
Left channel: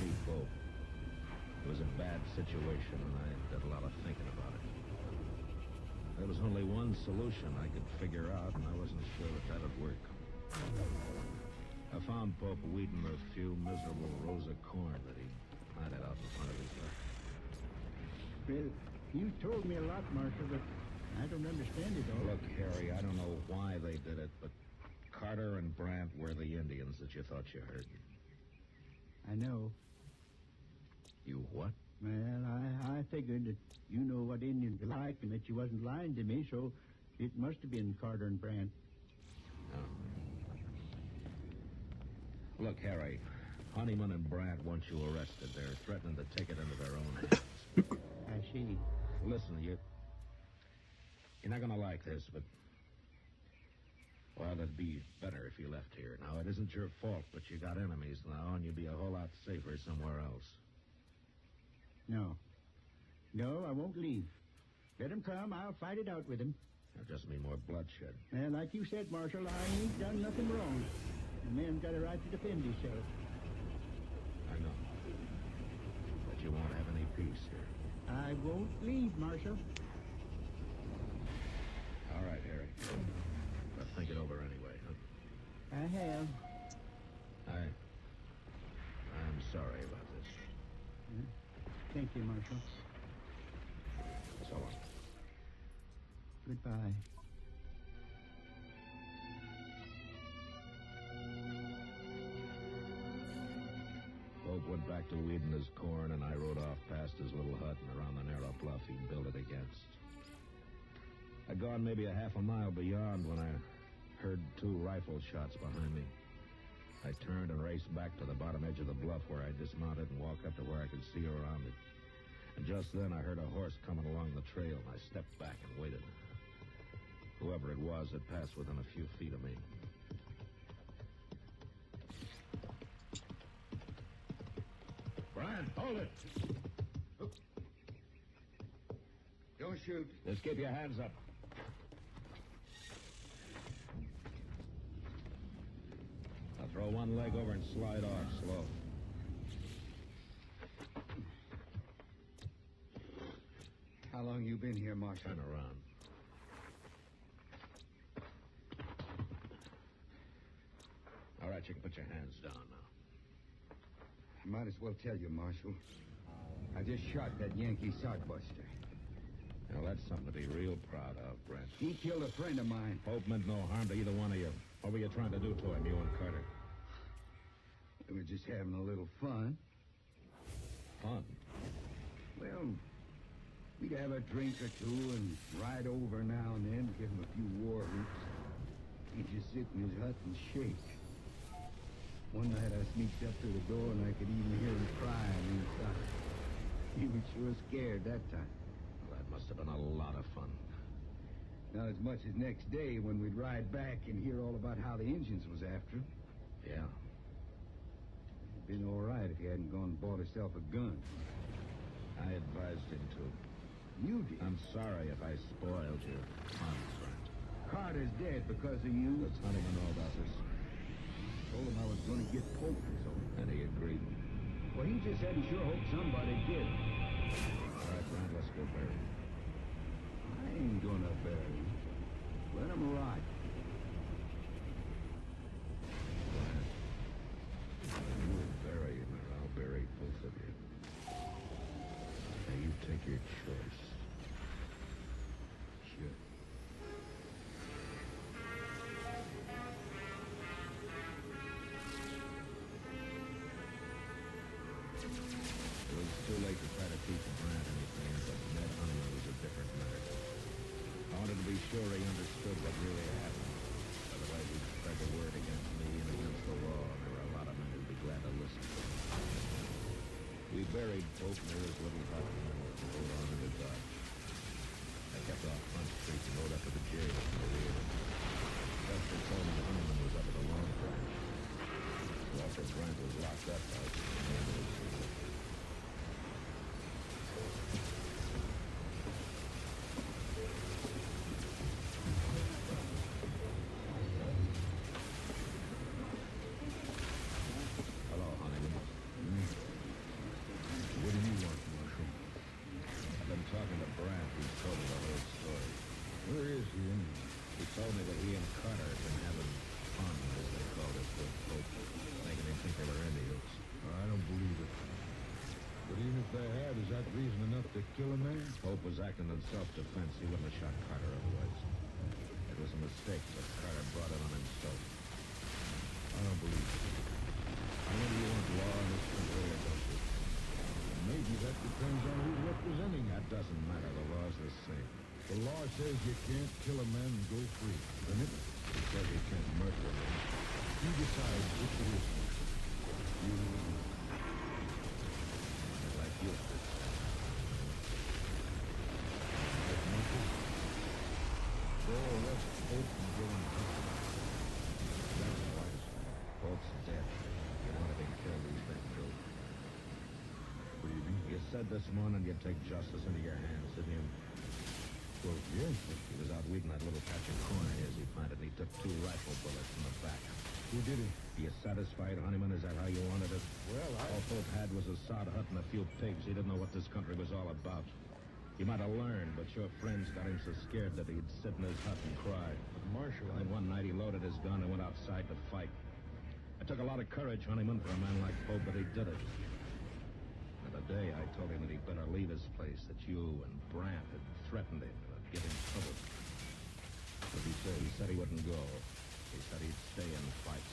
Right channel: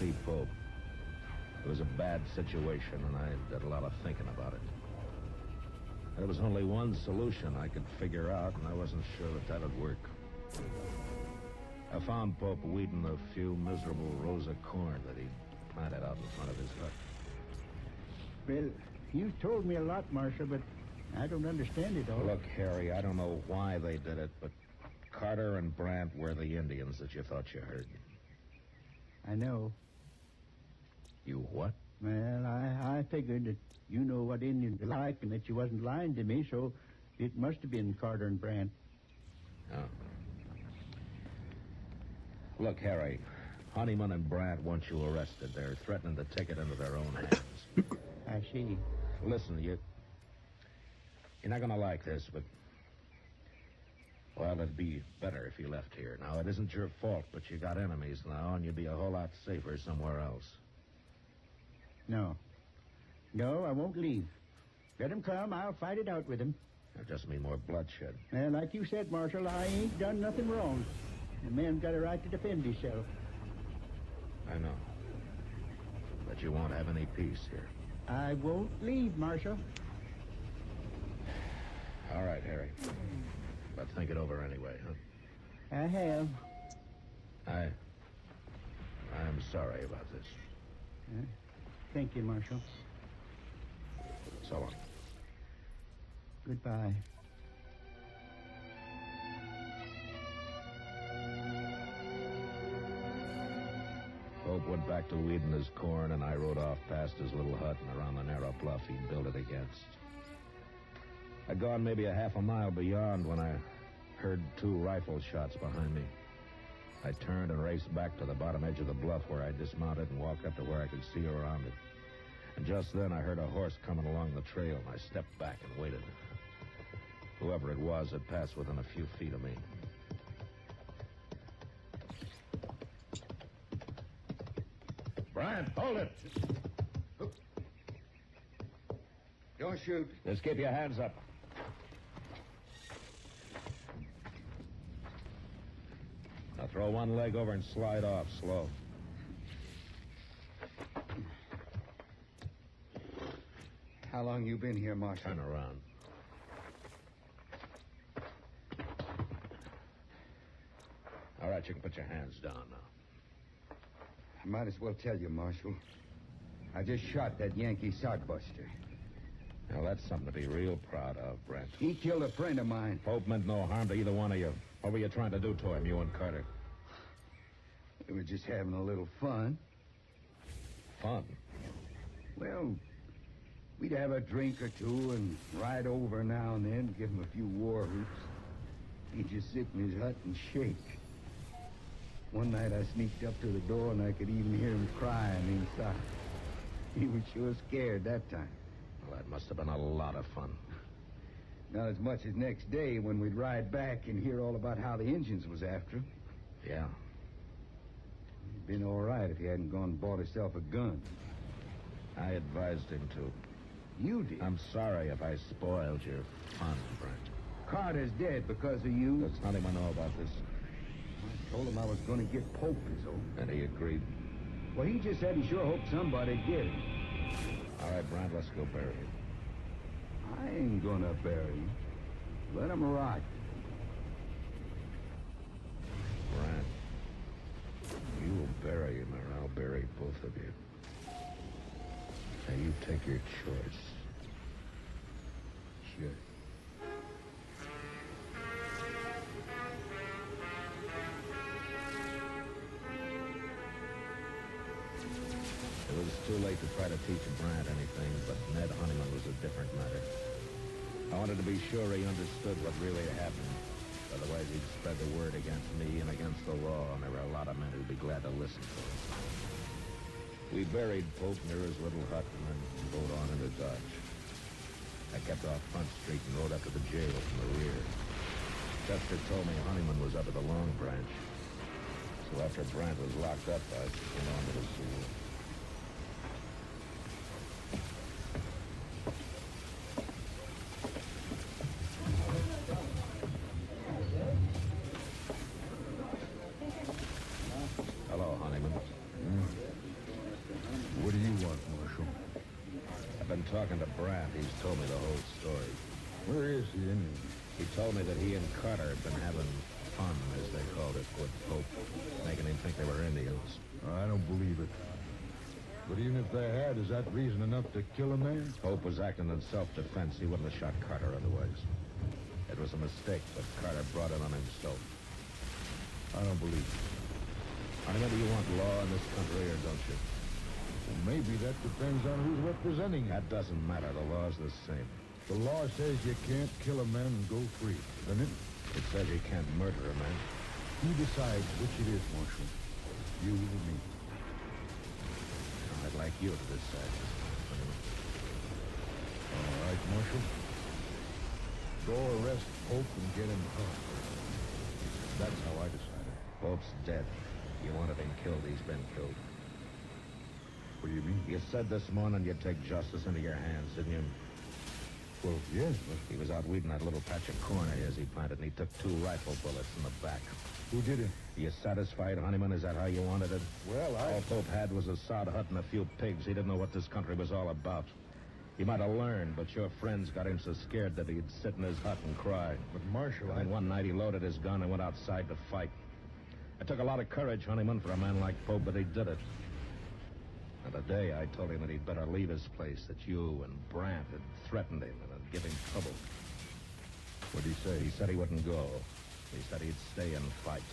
see Pope. It was a bad situation, and I did a lot of thinking about it. There was only one solution I could figure out, and I wasn't sure that that'd work. I found Pope weeding a few miserable rows of corn that he planted out in front of his hut. Well, you told me a lot, Marshal, but I don't understand it all. Look, Harry, I don't know why they did it, but Carter and Brandt were the Indians that you thought you heard. I know. You what? Well, I figured that you know what Indians are like and that you wasn't lying to me, so it must have been Carter and Brandt. Oh. Look, Harry, Honeyman and Brandt want you arrested. They're threatening to take it into their own hands. I see. Listen, you're not going to like this, but... Well, it'd be better if you left here. Now, it isn't your fault, but you got enemies now, and you'd be a whole lot safer somewhere else. No. No, I won't leave. Let him come. I'll fight it out with him. That'll just mean more bloodshed. And like you said, Marshal, I ain't done nothing wrong. A man's got a right to defend himself. I know. But you won't have any peace here. I won't leave, Marshal. All right, Harry. But think it over anyway, huh? I have. I'm sorry about this. Thank you, Marshal. So long. Goodbye. Pope went back to weeding his corn, and I rode off past his little hut and around the narrow bluff he'd built it against. I'd gone maybe a half a mile beyond when I heard 2 rifle shots behind me. I turned and raced back to the bottom edge of the bluff where I dismounted and walked up to where I could see around it. And just then I heard a horse coming along the trail, and I stepped back and waited. Whoever it was had passed within a few feet of me. Brian, hold it. Don't shoot. Just keep your hands up. Now throw one leg over and slide off slow. How long you been here, Marshal? Turn around. All right, you can put your hands down now. I might as well tell you, Marshal. I just shot that Yankee sockbuster. Now, that's something to be real proud of, Brent. He killed a friend of mine. Pope meant no harm to either one of you. What were you trying to do to him, you and Carter? We were just having a little fun. Fun? Well, we'd have a drink or two and ride over now and then, give him a few war whoops. He'd just sit in his hut and shake. One night I sneaked up to the door and I could even hear him crying inside. He was sure scared that time. Well, that must have been a lot of fun. Not as much as next day when we'd ride back and hear all about how the Indians was after him. Yeah. It'd been all right if he hadn't gone and bought himself a gun. I advised him to. You did? I'm sorry if I spoiled your fun, Brent. Carter's dead because of you. Does Honeyman know about this? Told him I was going to get Pope his own. And he agreed. Well, he just said he sure hoped somebody did. All right, Brent, let's go bury him. I ain't gonna bury him. Let him rot. Brent, you will bury him or I'll bury both of you. Now, you take your choice. Sure. It was too late to try to teach Brandt anything, but Ned Honeyman was a different matter. I wanted to be sure he understood what really happened. Otherwise, he'd spread the word against me and against the law, and there were a lot of men who'd be glad to listen to him. We buried Pope near his little hut and then rode on into Dodge. I kept off Front Street and rode up to the jail from the rear. Chester told me Honeyman was up at the Long Branch. So after Brandt was locked up, I went on to the sea. talking to Brandt. He's told me the whole story. Where is he, anyway? He told me that he and Carter had been having fun, as they called it, with Pope, making him think they were Indians. I don't believe it. But even if they had, is that reason enough to kill a man? Pope was acting in self-defense. He wouldn't have shot Carter otherwise. It was a mistake, but Carter brought it on himself. I don't believe it. I know you want law in this country, or don't you? Well, maybe that depends on who's representing it. That doesn't matter. The law's the same. The law says you can't kill a man and go free, doesn't it? It says you can't murder a man. He decides which it is, Marshal. You and me. I'd like you to decide. All right, Marshal. Go arrest Pope and get him killed. That's how I decide. Pope's dead. You wanted him killed. He's been killed. What do you mean? You said this morning you'd take justice into your hands, didn't you? Well, yes. He was out weeding that little patch of corn of his he planted, and he took 2 rifle bullets in the back. Who did it? You satisfied, Honeyman? Is that how you wanted it? Well, All Pope had was a sod hut and a few pigs. He didn't know what this country was all about. He might have learned, but your friends got him so scared that he'd sit in his hut and cry. But, Marshal, And then one night he loaded his gun and went outside to fight. It took a lot of courage, Honeyman, for a man like Pope, but he did it. And the day I told him that he'd better leave his place, that you and Brandt had threatened him and had given him trouble. What'd he say? He said he wouldn't go. He said he'd stay and fight.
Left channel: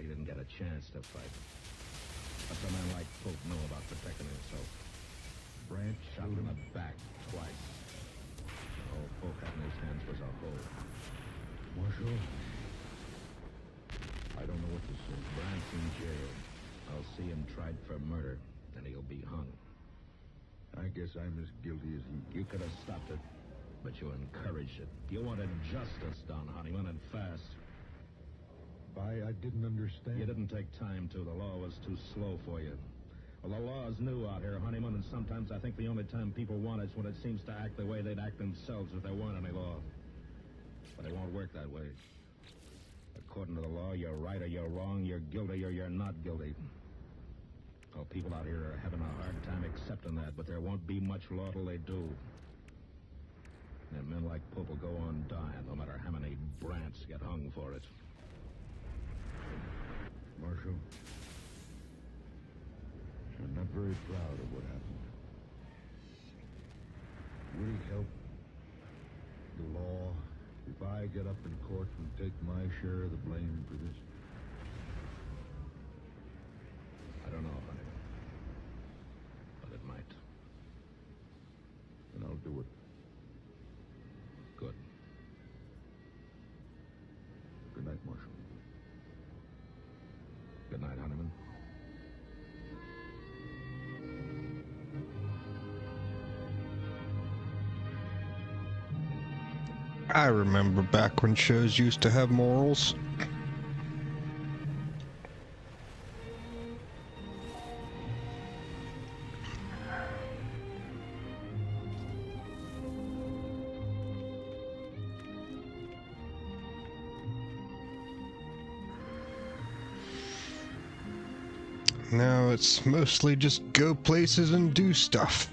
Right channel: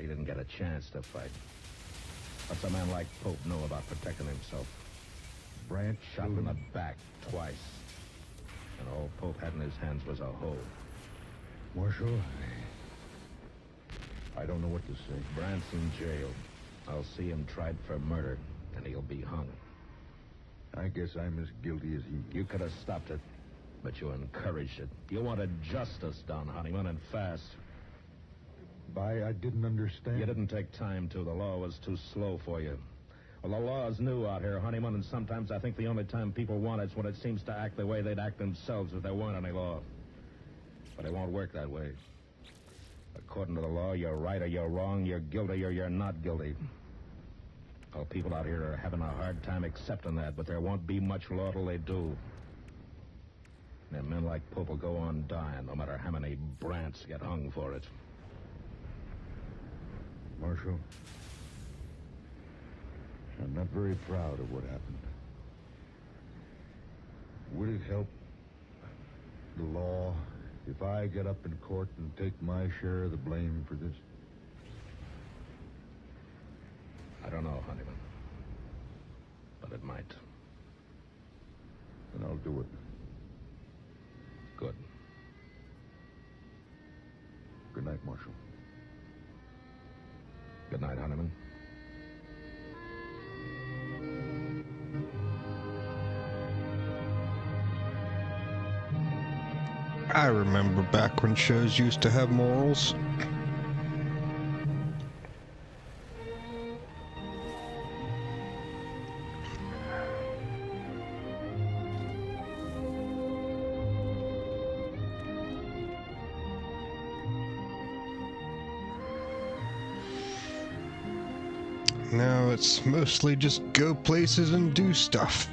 He didn't get a chance to fight. What's a man like Pope know about protecting himself? Brandt shot him in the back twice. And all Pope had in his hands was a hoe. Marshal, I don't know what to say. Brandt's in jail. I'll see him tried for murder, and he'll be hung. I guess I'm as guilty as he. You could have stopped it, but you encouraged it. You wanted justice done, Honeyman, and fast. I didn't understand. You didn't take time to. The law was too slow for you. Well, the law's new out here, Honeyman, and sometimes I think the only time people want it's when it seems to act the way they'd act themselves if there weren't any law. But it won't work that way. According to the law, you're right or you're wrong, you're guilty or you're not guilty. Well, people out here are having a hard time accepting that, but there won't be much law till they do. And men like Pope will go on dying, no matter how many Brandts get hung for it. Marshal, I'm not very proud of what happened. Would it help the law if I get up in court and take my share of the blame for this? I don't know, Honeyman. But it might. Then I'll do it. Good. Good night, Marshal. Good night, Honeyman. I remember back when shows used to have morals. Now it's mostly just go places and do stuff.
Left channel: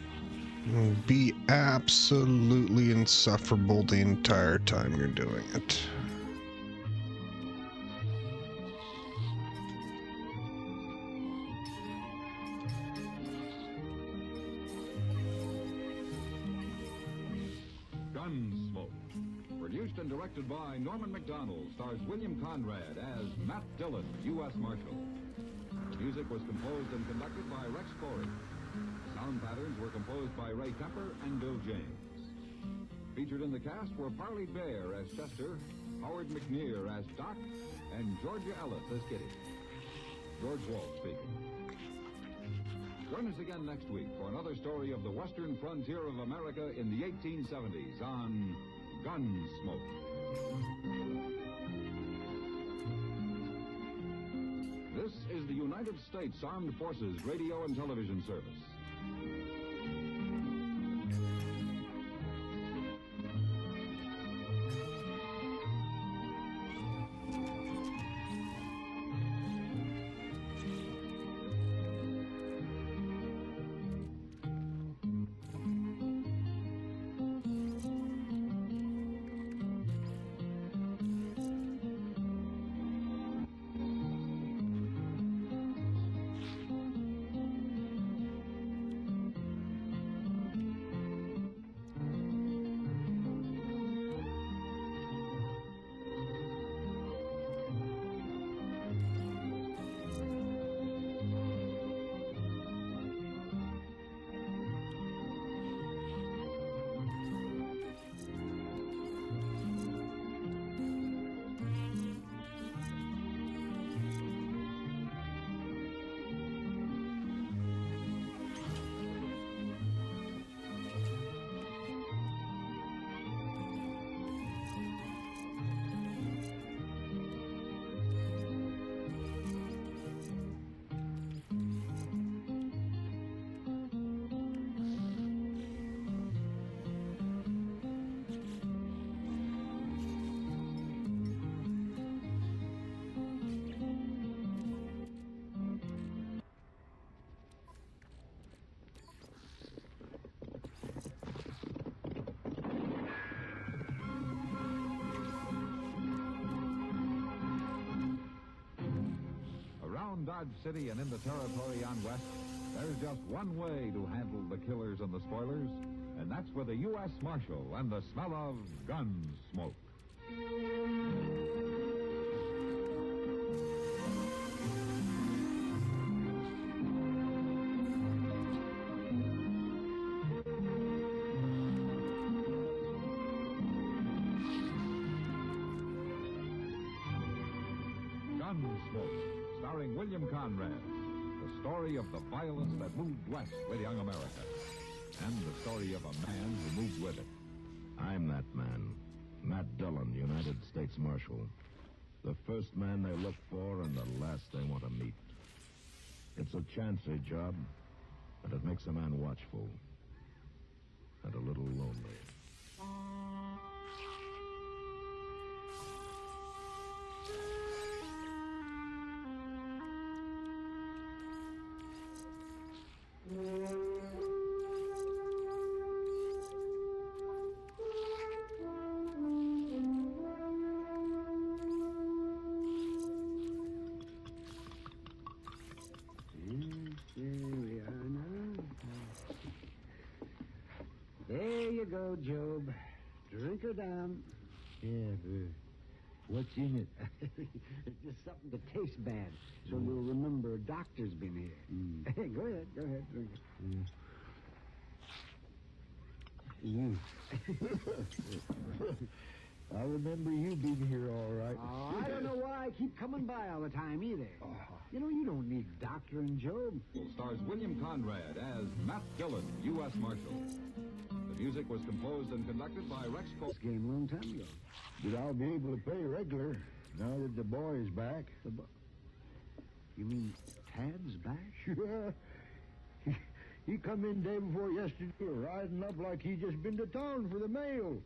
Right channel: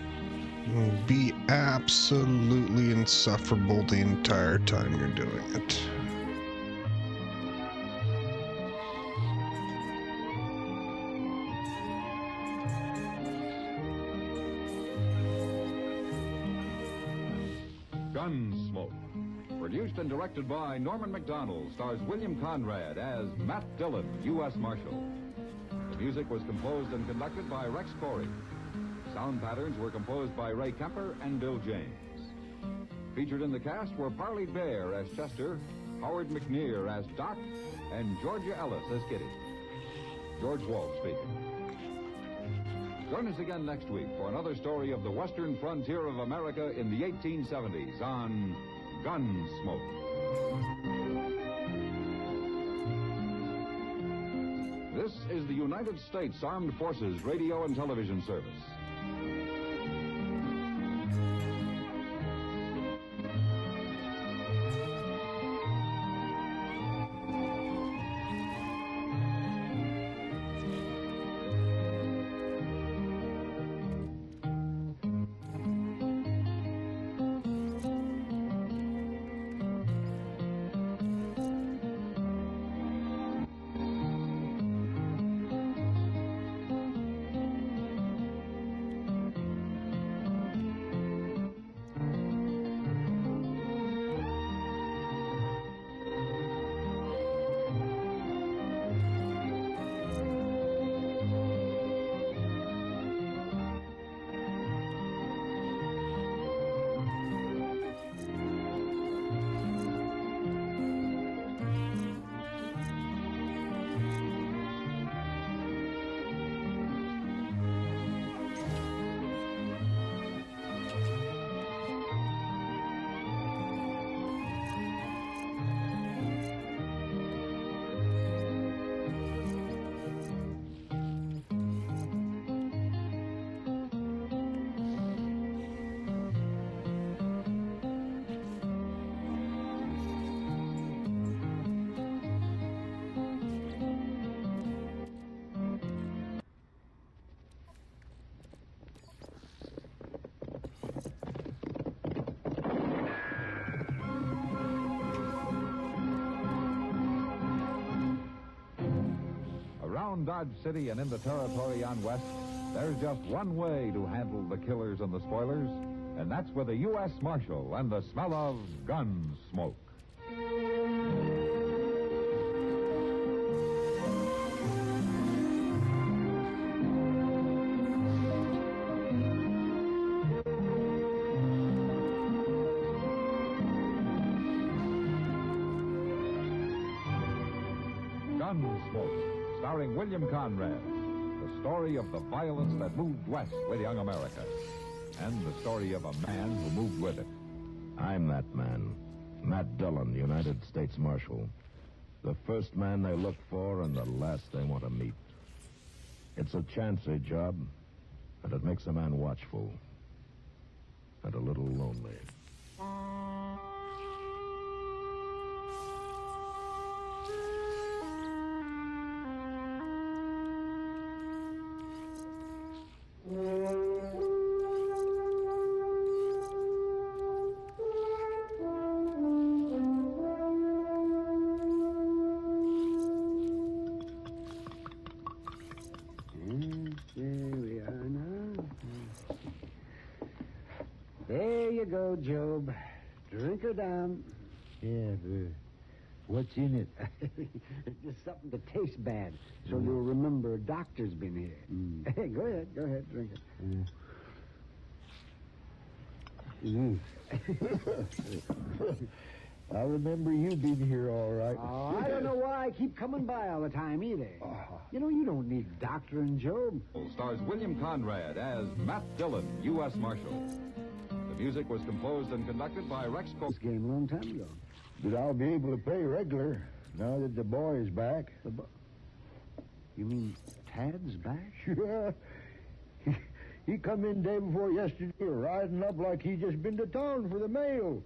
Be absolutely insufferable the entire time you're doing it. Gunsmoke. Produced and directed by Norman Macdonald, stars William Conrad as Matt Dillon, U.S. Marshal. The music was composed and conducted by Rex Corey. Sound patterns were composed by Ray Kemper and Bill James. Featured in the cast were Parley Bear as Chester, Howard McNear as Doc, and Georgia Ellis as Kitty. George Walt speaking. Join us again next week for another story of the western frontier of America in the 1870s on Gunsmoke. This is the United States Armed Forces Radio and Television Service. In Dodge City and in the territory on West, there's just one way to handle the killers and the spoilers, and that's with a U.S. Marshal and the smell of gun smoke. Gunsmoke, starring William Conrad. The story of the violence that moved west with young America. And the story of a man who moved with it. I'm that man. Matt Dillon, United States Marshal. The first man they look for and the last they want to meet. It's a chancy job, and it makes a man watchful. And a little lonely. There you go, Job. Drink her down. Yeah, what's in it? It's just something to taste bad, so you'll remember a doctor's been here. Hey, go ahead, drink it. I remember you being here all right. Oh, I don't know why I keep coming by all the time either. You know, you don't need a doctor in Job. Stars William Conrad as Matt Dillon, U.S. Marshal. The music was composed and conducted by Rex Cole. This game a long time ago. But I'll be able to pay regular now that the boy is back. You mean Tad's back? Sure. He come in day before yesterday, riding up like he just been to town for the mail,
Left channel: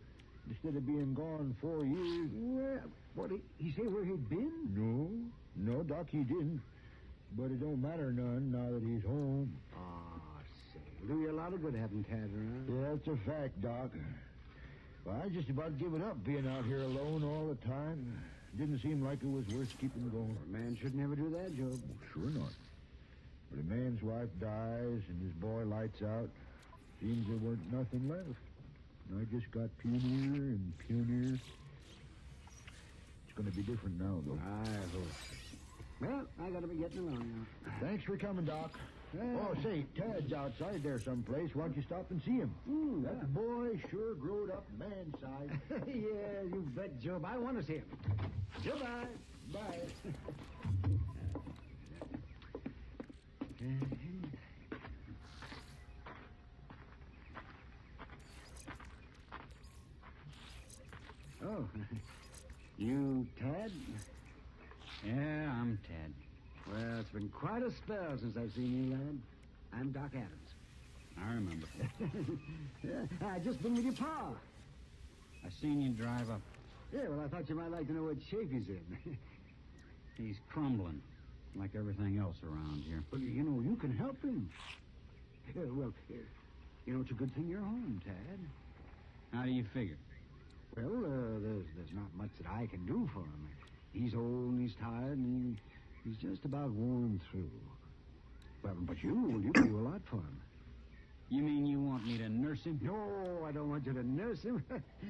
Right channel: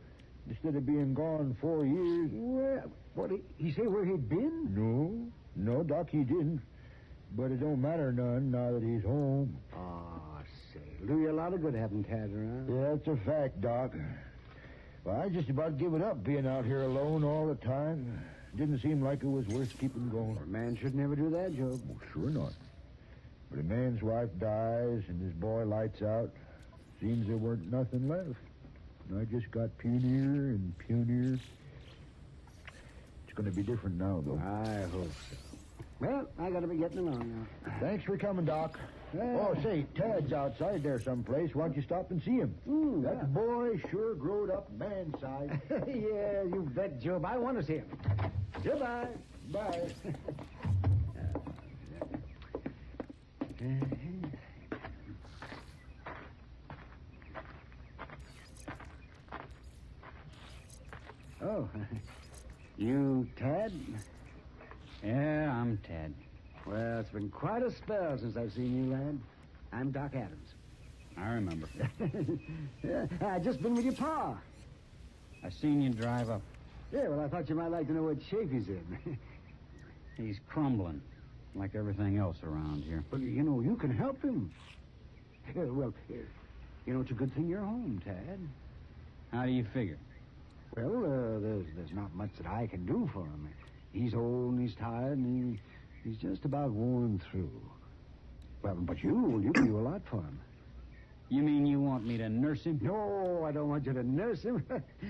instead of being gone 4 years. Well, what, he say where he'd been? No, Doc, he didn't. But it don't matter none now that he's home. Say, do you a lot of good having Tad around. Yeah, that's a fact, Doc. Well, I just about given up being out here alone all the time. Didn't seem like it was worth keeping going. A man should never do that, Job. Well, sure not. But a man's wife dies and his boy lights out. Seems there weren't nothing left. And I just got punier and punier. It's going to be different now, though. I hope so. Well, I got to be getting along now. Thanks for coming, Doc. Oh, say, Tad's outside there someplace. Why don't you stop and see him? That boy sure growed up man-sized. Yeah, you bet, Job. I want to see him. Goodbye. Bye. Oh, you Tad? Yeah, I'm Tad. Well, it's been quite a spell since I've seen you, lad. I'm Doc Adams. I remember. Yeah, I just been with your pa. I seen you drive up. Yeah, well, I thought you might like to know what shape he's in. He's crumbling, like everything else around here. But, you know, you can help him. Well, you know, it's a good thing you're home, Tad. How do you figure? Well, there's not much that I can do for him. He's old and he's tired and he's just about worn through. Well, but you can do a lot for him. You mean you want me to nurse him? No, I don't want you to nurse him.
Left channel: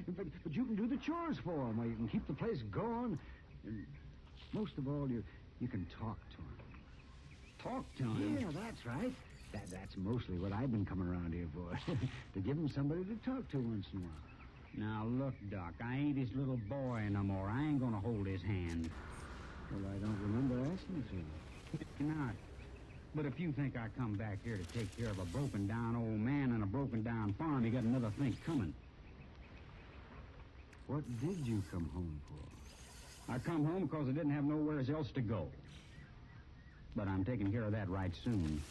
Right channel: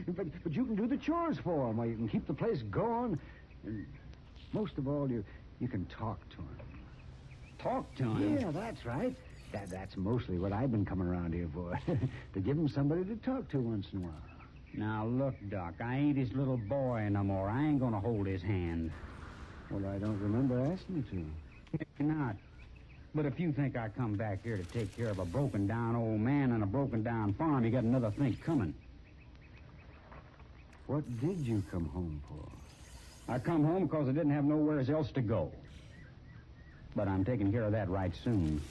but you can do the chores for him, or you can keep the place going. And most of all, you can talk to him. Talk to him? Yeah, that's right. That's mostly what I've been coming around here for. To give him somebody to talk to once in a while. Now, look, Doc, I ain't his little boy no more. I ain't gonna hold his hand. Well, I don't remember asking you to. Maybe not. But if you think I come back here to take care of a broken-down old man and a broken-down farm, you got another think coming. What did you come home for? I come home because I didn't have nowhere else to go. But I'm taking care of that right soon.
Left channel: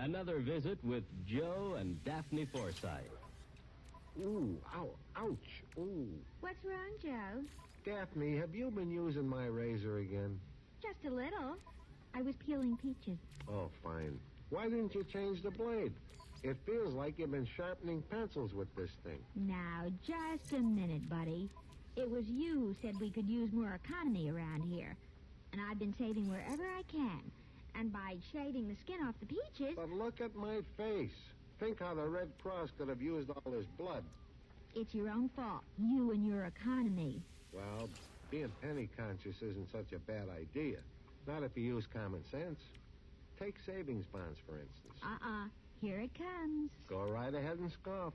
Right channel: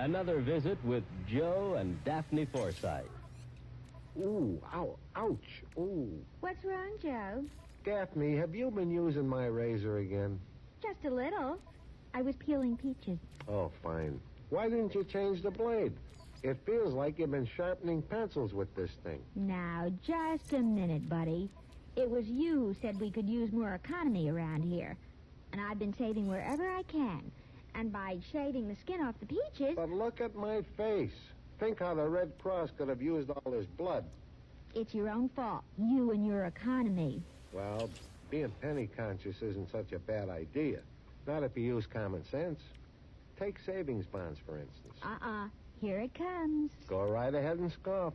Another visit with Joe and Daphne Forsythe. Ooh, ow, ouch, ooh. What's wrong, Joe? Daphne, have you been using my razor again? Joe, just a little. I was peeling peaches. Oh, fine. Why didn't you change the blade? It feels like you've been sharpening pencils with this thing. Now, just a minute, buddy. It was you who said we could use more economy around here. And I've been saving wherever I can. And by shaving the skin off the peaches... But look at my face. Think how the Red Cross could have used all this blood. It's your own fault. You and your economy. Well, being penny conscious isn't such a bad idea. Not if you use common sense. Take savings bonds, for instance. Here it comes. Go right ahead and scoff.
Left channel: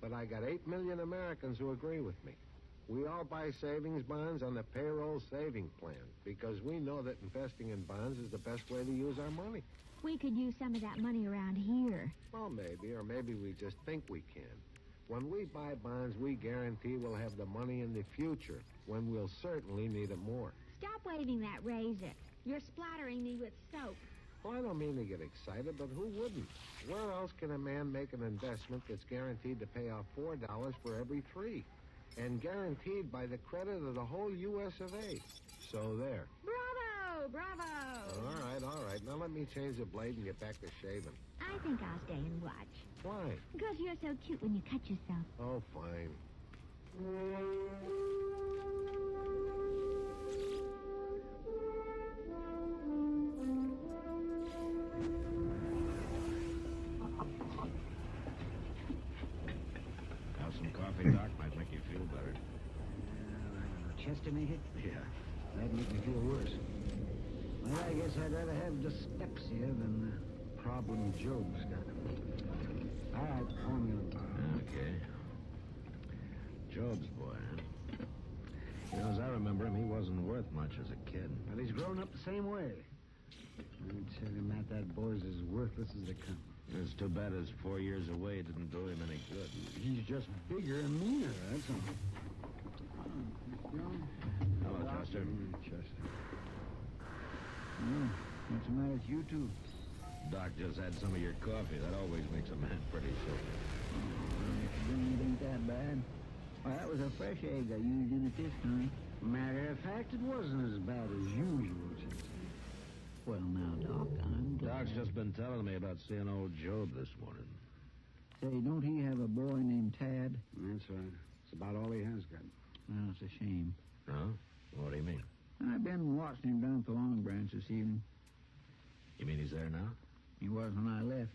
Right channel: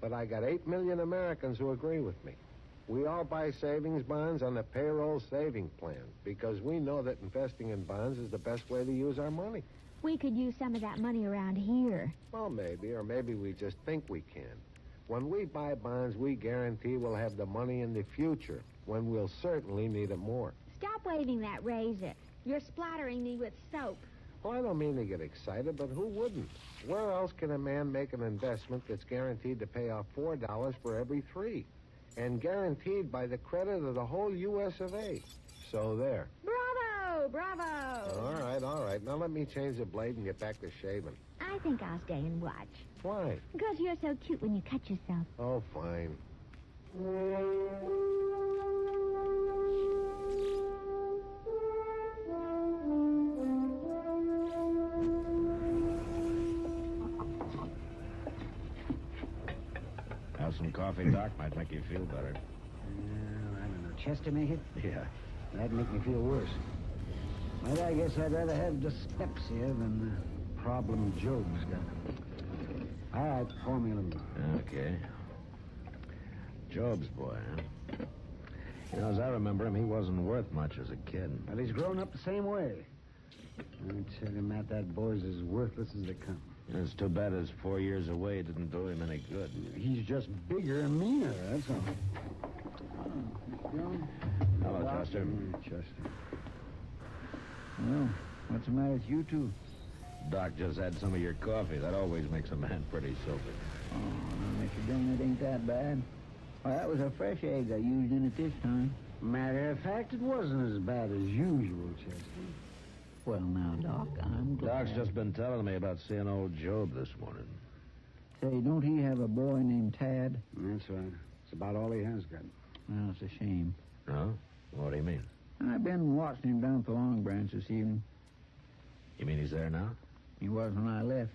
But I got 8 million Americans who agree with me. We all buy savings bonds on the payroll saving plan because we know that investing in bonds is the best way to use our money. We could use some of that money around here. Well, maybe, or maybe we just think we can. When we buy bonds, we guarantee we'll have the money in the future, when we'll certainly need it more. Stop waving that razor. You're splattering me with soap. Well, I don't mean to get excited, but who wouldn't? Where else can a man make an investment that's guaranteed to pay off $4 for every 3? And guaranteed by the credit of the whole U.S. of A. So there. Bravo! Bravo! All right. Now let me change the blade and get back to shaving. I think I'll stay and watch. Why? Because you're so cute when you cut yourself. Oh, fine. Have some coffee, Doc? Might make you feel better. I don't know. Chester make it? Yeah. That'd make me feel worse. Well, I guess I'd rather have dyspepsia than the problem Job's got. All right, pour me a little. Okay. Job's boy, huh? You know, as I remember him, he wasn't worth much as a kid. Well, he's grown up the same way. I tell you, Matt, that boy's as worthless as they come. It's too bad his 4 years away didn't do him any good. He's just bigger and meaner, that's all. Hello, Chester. Chester. Well, what's the matter with you two? Doc just had some of your coffee. That always makes a man pretty silky. Oh, Mr. Dillon, it ain't that bad. Well, that was a fresh egg I used in it this time. Matter of fact, it wasn't as bad as usual, Chester. Well, now, Doc, I'm glad. Doc's just been telling me about seeing old Job this morning. Say, don't he have a boy named Tad? That's right. It's about all he has got. Well, it's a shame. No? What do you mean? I've been watching him down at the Long Branch this evening. You mean he's there now? He was when I left.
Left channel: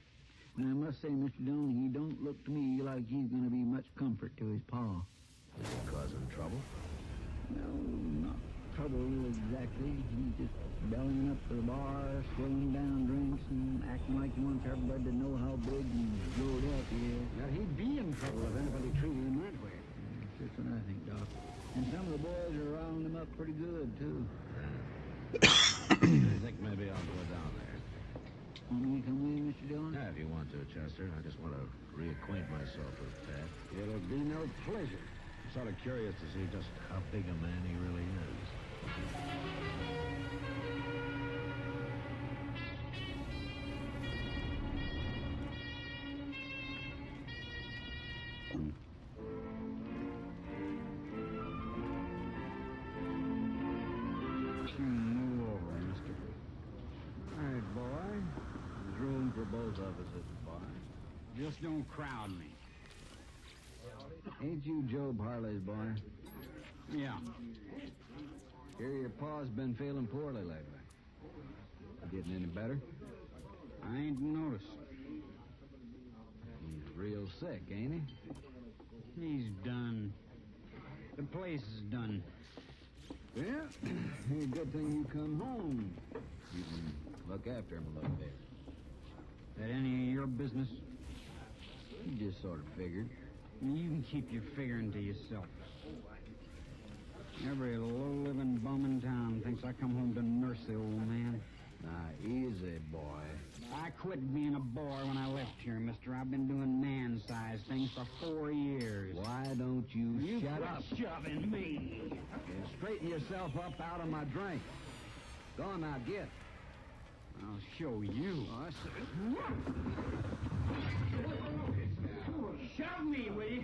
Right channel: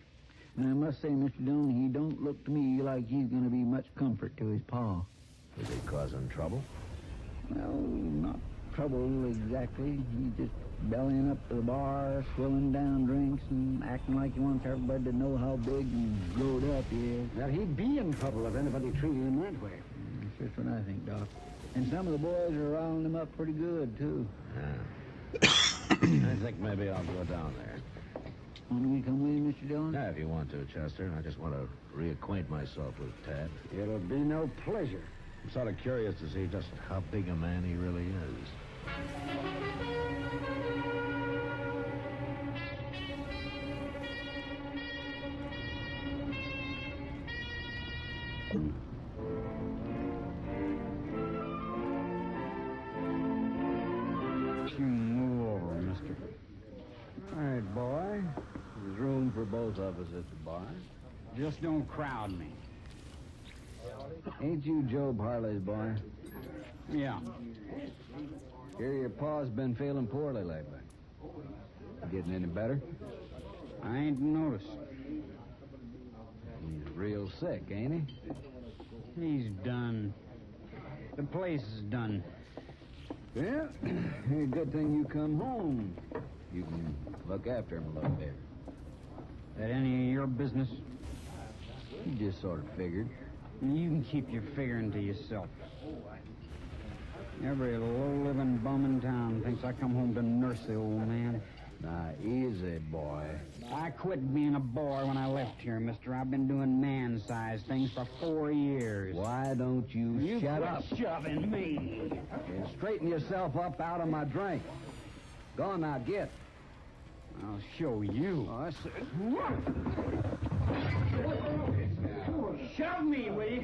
And I must say, Mr. Dillon, he don't look to me like he's going to be much comfort to his pa. Is he causing trouble? Well, not trouble exactly. He's just bellying up to the bar, swilling down drinks, and acting like he wants everybody to know how big and growed up he is. Well, he'd be in trouble if anybody treated him that way. That's just what I think, Doc. And some of the boys are riling him up pretty good, too. Yeah. I think maybe I'll go down there. Want me to come with you, Mr. Dillon? Yeah, if you want to, Chester. I just want to reacquaint myself with Tad. It'll be no pleasure. I'm sort of curious to see just how big a man he really is. Move over, mister. All right, boy. There's room for both of us at the bar. Just don't crowd me. Ain't you Job Harley's boy? Yeah. Hear your pa's been feeling poorly lately. Getting any better? I ain't noticed. He's real sick, ain't he? He's done. The place is done. Yeah. Good thing you come home. You can look after him a little bit. That any of your business? You just sort of figured. You can keep your figuring to yourself. Every low-living bum in town thinks I come home to nurse the old man. Now, easy, boy. I quit being a boy when I left here, mister. I've been doing man-sized things for 4 years. Why don't you shut up? Shoving me. And straighten yourself up out of my drink. Go on now, get. I'll show you. Oh, that's... Shove me, will you?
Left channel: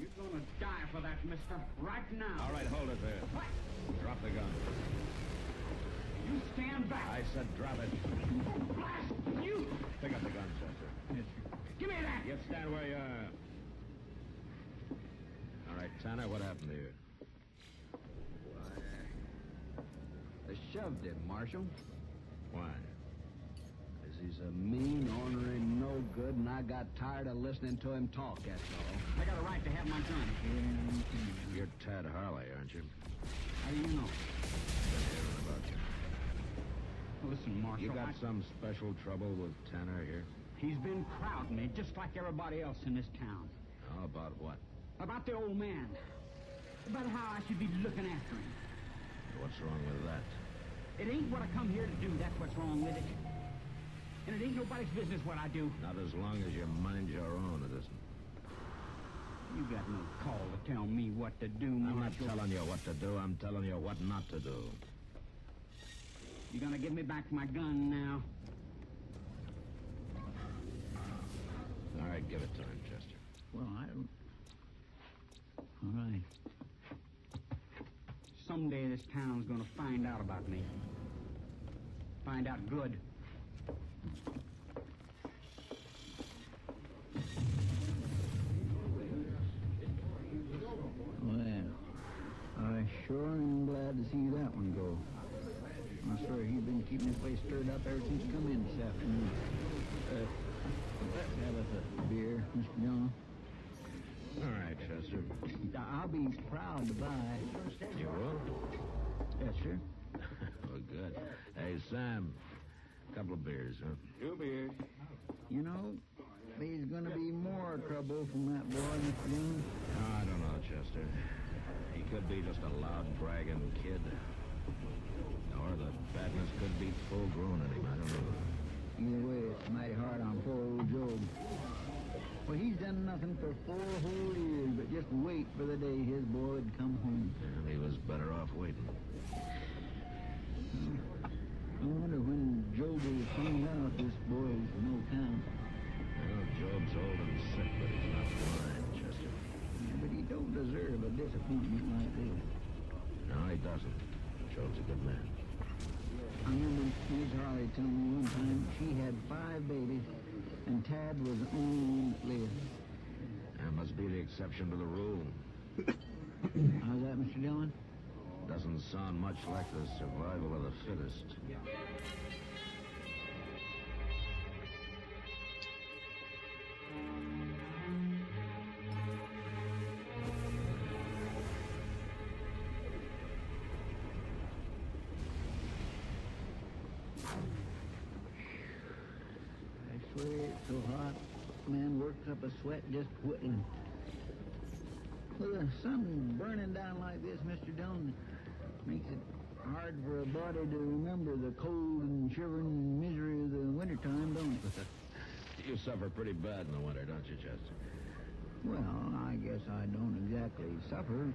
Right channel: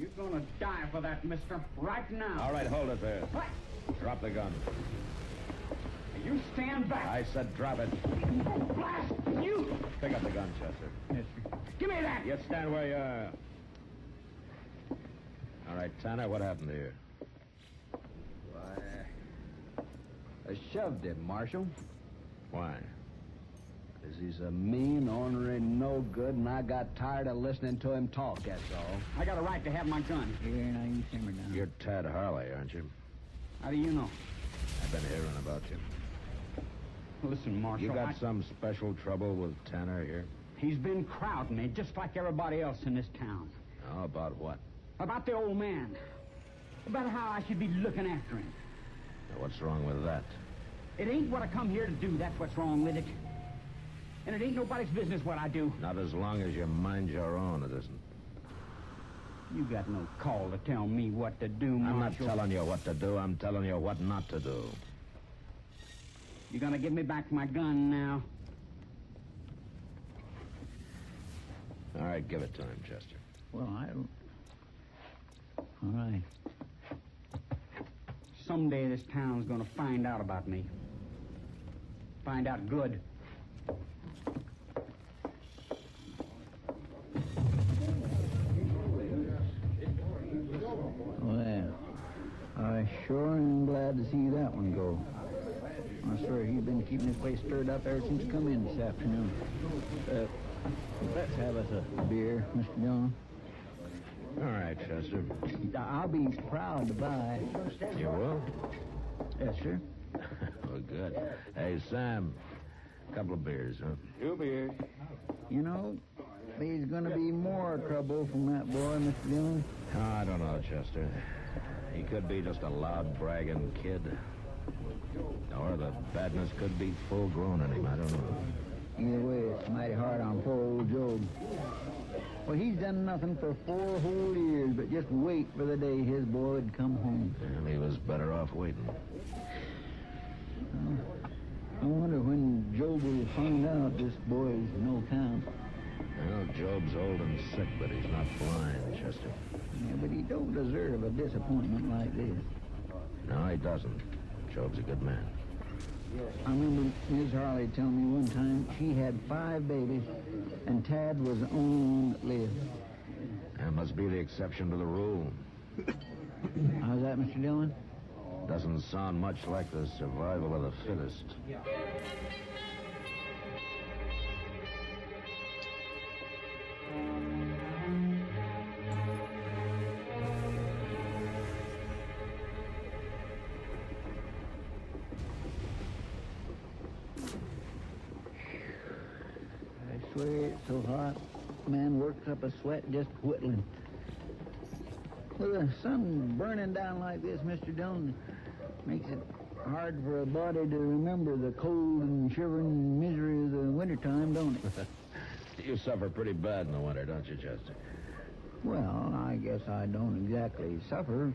You're gonna die for that, mister, right now. All right, hold it there. What? Drop the gun. You stand back. I said drop it. Blast you! Pick up the gun, Chester. Yes, sir. Give me that! You stand where you are. All right, Tanner, what happened to you? Why, I shoved him, Marshal. Why? Because he's a mean, ornery, no good, and I got tired of listening to him talk, that's all. I got a right to have my gun. Here, now you simmer down. You're Tad Harley, aren't you? How do you know? I've been hearing about you. Listen, Marshal, You got some special trouble with Tanner here? He's been crowding me just like everybody else in this town. How about what? About the old man. About how I should be looking after him. Now, what's wrong with that? It ain't what I come here to do, that's what's wrong with it. And it ain't nobody's business what I do. Not as long as you mind your own, it isn't. You got no call to tell me what to do, Marshal. I'm not telling you what to do. I'm telling you what not to do. You gonna give me back my gun now? All right, give it to him, Chester. Well, I don't... All right. Someday this town's gonna find out about me. Find out good. Well, I sure am glad to see that one go. I swear he's been keeping this place stirred up ever since he come in this afternoon. Let's have us a beer, Mr. John. All right, Chester. I'll be proud to buy. You will? Yes, sir. Well, good. Hey, Sam, a couple of beers, huh? 2 beers. You know, there's going to be more trouble from that boy, Mr. Dillon. Oh, I don't know, Chester. He could be just a loud, bragging kid. Or the badness could be full-grown in him. I don't know. Either way, it's mighty hard on poor old Job. Well, he's done nothing for 4 whole years, but just wait for the day his boy would come home. And he was better off waiting. I wonder when Job will find out this boy's no count. Well, Job's old and sick, but he's not blind, Chester. Yeah, but he don't deserve a disappointment like this. No, he doesn't. Job's a good man. I remember Miss Harley telling me one time she had 5 babies, and Tad was the only one that lived. That must be the exception to the rule. How's that, Mr. Dillon? Doesn't sound much like the survival of the fittest. I swear it's so hot, man works up a sweat just whittling. With the sun burning down like this, Mr. Dillon, makes it hard for a body to remember the cold and shivering misery of the wintertime, don't it? You suffer pretty bad in the winter, don't you, Chester? Well, I guess I don't exactly suffer.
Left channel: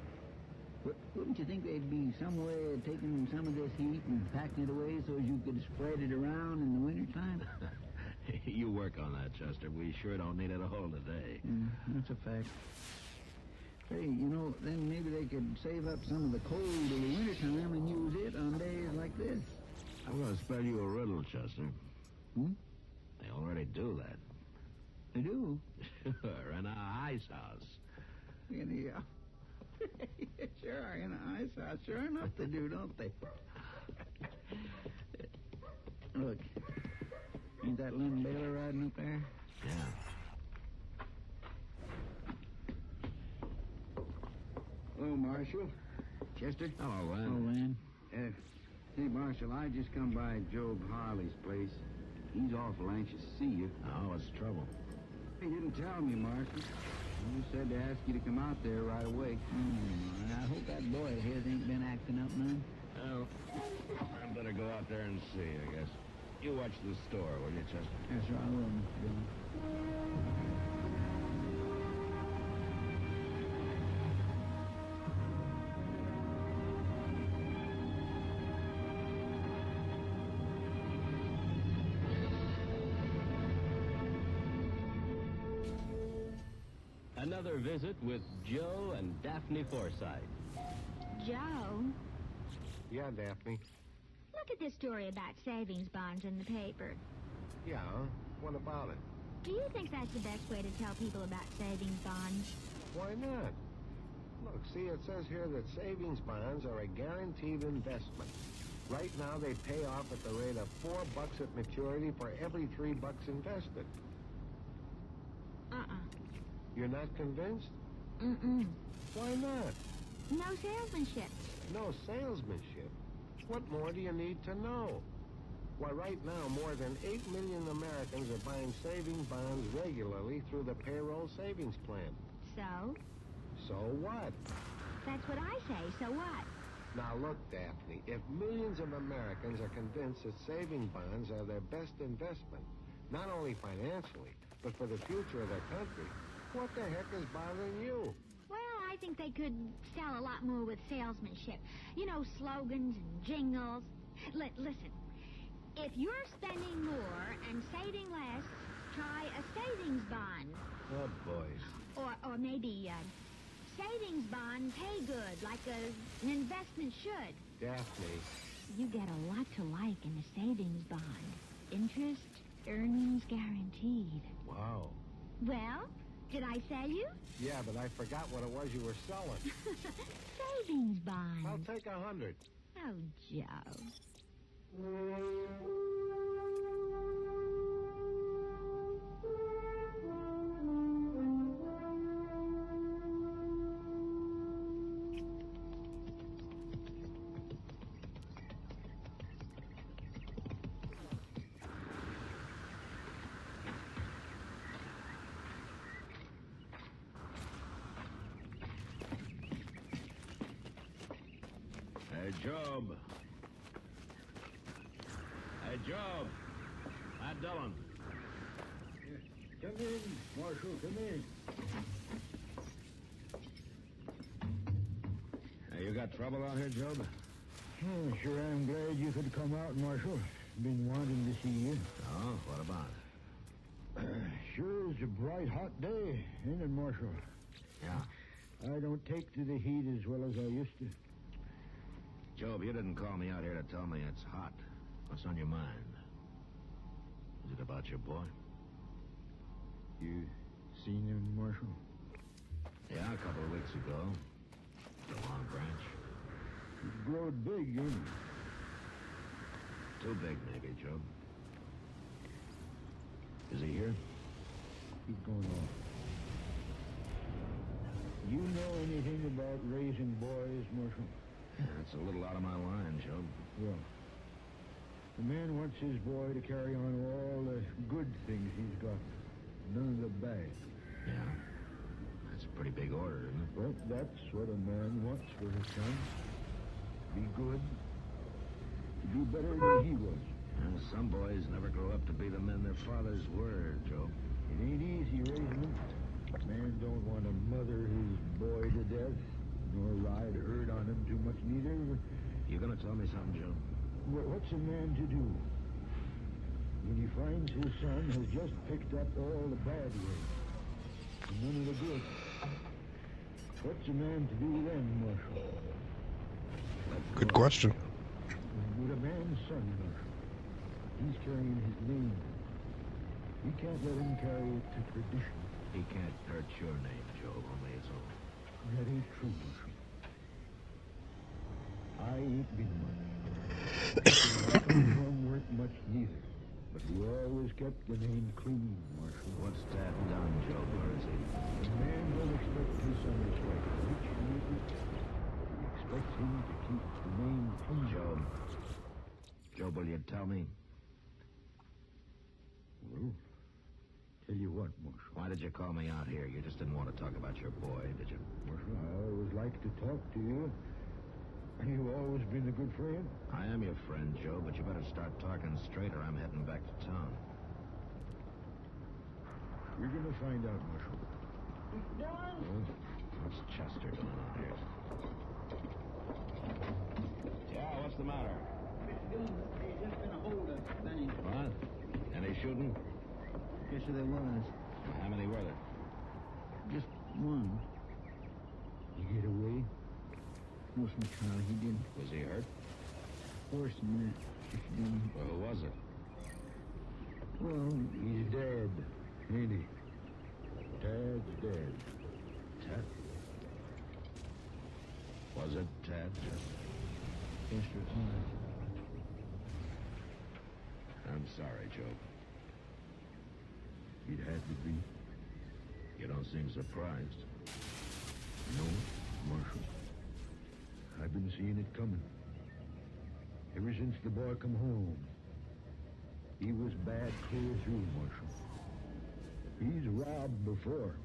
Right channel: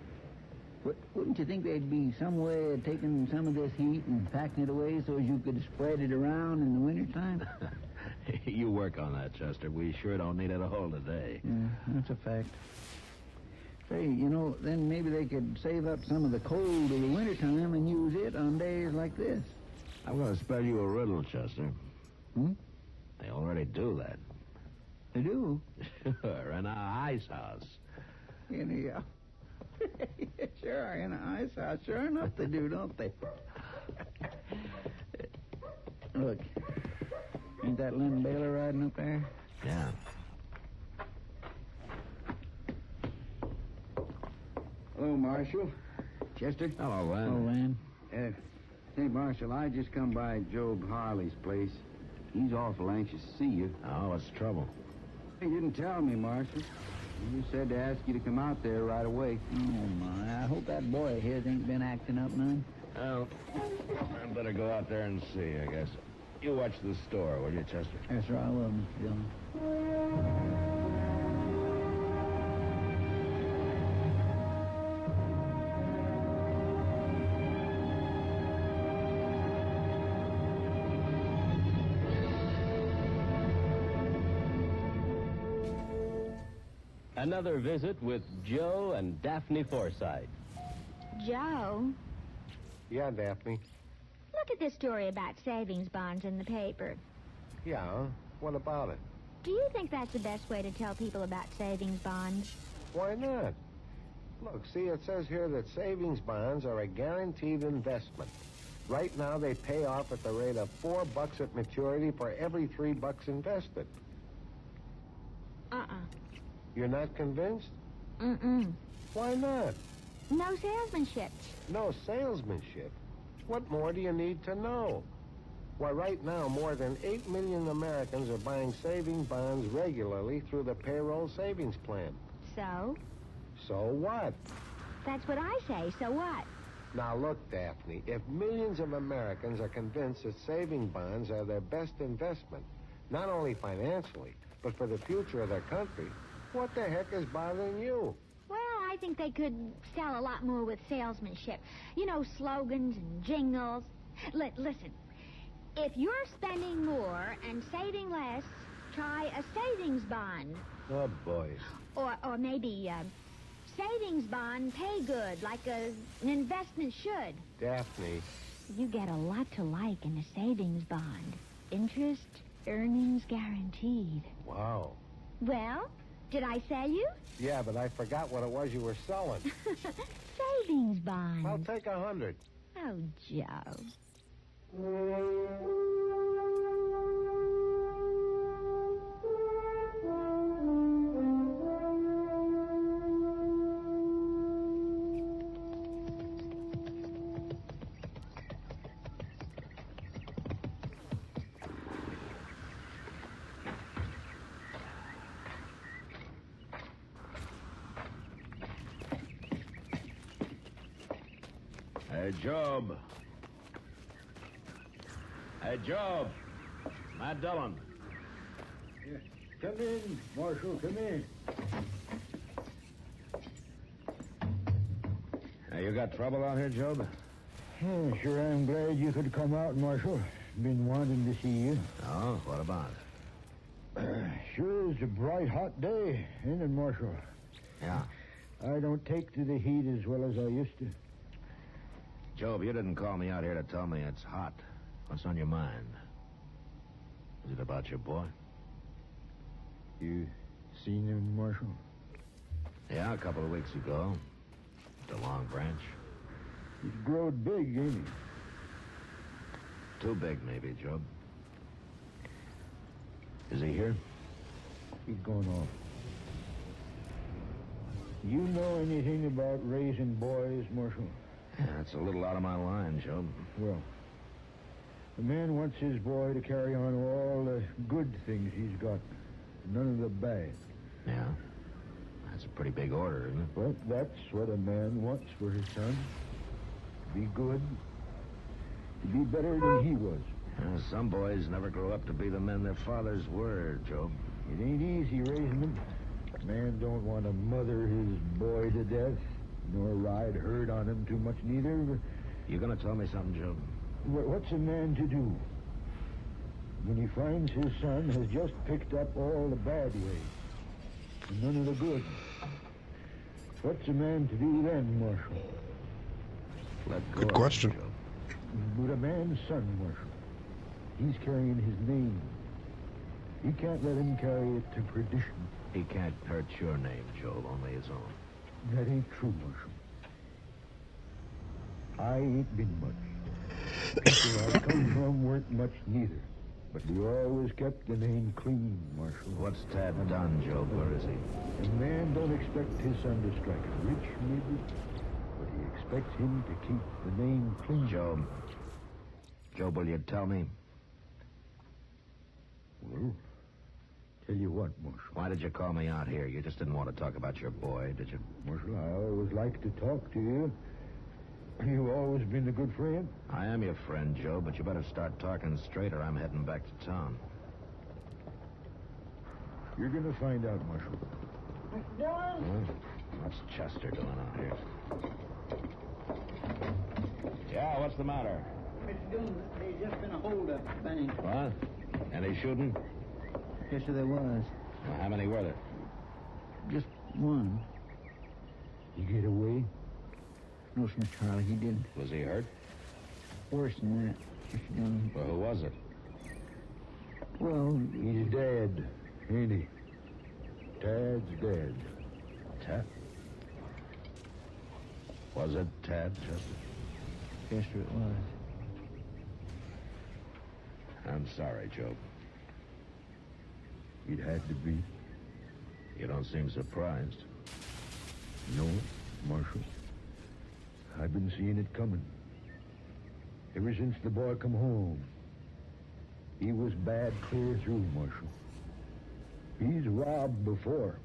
But wouldn't you think there'd be some way of taking some of this heat and packing it away so as you could spread it around in the wintertime? You work on that, Chester. We sure don't need it a whole today. Yeah, that's a fact. Say, you know, then maybe they could save up some of the cold of the wintertime and use it on days like this. I'm going to spell you a riddle, Chester. Hmm? They already do that. They do? Sure, in a ice house. In the, sure, in an ice house. Sure enough they do, don't they? Look, ain't that Lynn Baylor riding up there? Yeah. Hello, Marshal. Chester? Hello, Len. Oh, Len. Hey, Marshal, I just come by Job Harley's place. He's awful anxious to see you. Oh, what's the trouble? He didn't tell me, Marshal. He just said to ask you to come out there right away. Oh, my. I hope that boy of his ain't been acting up none. Well, I better go out there and see, I guess. You watch the store, will you, Chester? Yes, sir, I will, Mr. Dillon. Another visit with Joe and Daphne Forsythe. Joe, Yeah, Daphne. look look at this story about savings bonds in the paper. Yeah, what about it? Do you think that's the best way to tell people about savings bonds? Why not? Look, see, it says here that savings bonds are a guaranteed investment. Right now, they pay off at the rate of $4 at maturity for every $3 invested. You're not convinced? Mm-mm. Why not? No salesmanship. No salesmanship? What more do you need to know? Why, right now, more than 8 million Americans are buying savings bonds regularly through the payroll savings plan. So? So what? That's what I say. So what? Now, look, Daphne, if millions of Americans are convinced that saving bonds are their best investment, not only financially, but for the future of their country, what the heck is bothering you? Well, I think they could sell a lot more with salesmanship. You know, slogans and jingles. Listen, if you're spending more and saving less, try a savings bond. Oh, boy. Or maybe savings bond pay good, like an investment should. Daphne. You get a lot to like in a savings bond. Interest, earnings guaranteed. Wow. Well, did I sell you? Yeah, but I forgot what it was you were selling. Savings bond. I'll take 100. Oh, Joe. Hey, Job. Hey, Job. Matt Dillon. Come in, Marshal, come in. Hey, you got trouble out here, Job? Sure, I'm glad you could come out, Marshal. Been wanting to see you. Oh, what about it? Sure is a bright, hot day, ain't it, Marshal? Yeah. I don't take to the heat as well as I used to. Job, you didn't call me out here to tell me it's hot. What's on your mind? Is it about your boy? You seen him, Marshal? Yeah, a couple of weeks ago. The Long Branch. He's growed big, ain't he? Too big, maybe, Job. Is he here? He's going off. You know anything about raising boys, Marshal? Yeah, it's a little out of my line, Job. Well, the man wants his boy to carry on all the good things he's got. None of the bad. Yeah. That's a pretty big order, isn't it? Well, that's what a man wants for his son. To be good. To be better than he was. Yeah, some boys never grow up to be the men their fathers were, Job. It ain't easy raising them. Man don't want to mother his boy to death, nor ride herd on him too much neither. You gonna tell me something, Job? What's a man to do when he finds his son has just picked up all the bad ways, none of the good? What's a man to do then, Marshal? Good question. But a man's son, Marshal, he's carrying his name. He can't let him carry it to perdition. He can't hurt your name, Job, only his own. That ain't true, Marshal. I ain't been much. Where I come from weren't much neither. But we always kept the name clean, Marshal. What's Tad done, Job? Where is he? The man don't expect his son to strike rich, neither. But he expects him to keep the name clean. Job. Job, will you tell me? Well, tell you what, Marshal. Why did you call me out here? You just didn't want to talk about your boy, did you? Marshal, I always like to talk to you. You've always been a good friend. I am your friend, Joe, but you better start talking straight or I'm heading back to town. You're going to find out, Marshal. Mr. Dillon? What's Chester doing out here? Yeah, what's the matter? Mr. Dillon, there's just been a holdup at Bennington. What? Any shooting? Yes, sir, there was. Well, how many were there? Just one. You get away? No, Mr. Charlie, he didn't. Was he hurt? Worse than that. Mr. Dillon. Well, who was it? Well, He's dead, ain't he? Tad's dead. Tad? Was it Tad, Chester? yes, sir, it was. I'm sorry, Joe. It had to be. You don't seem surprised. No, Marshal. I've been seeing it coming. Ever since the boy come home. He was bad clear through, Marshal. He's robbed before.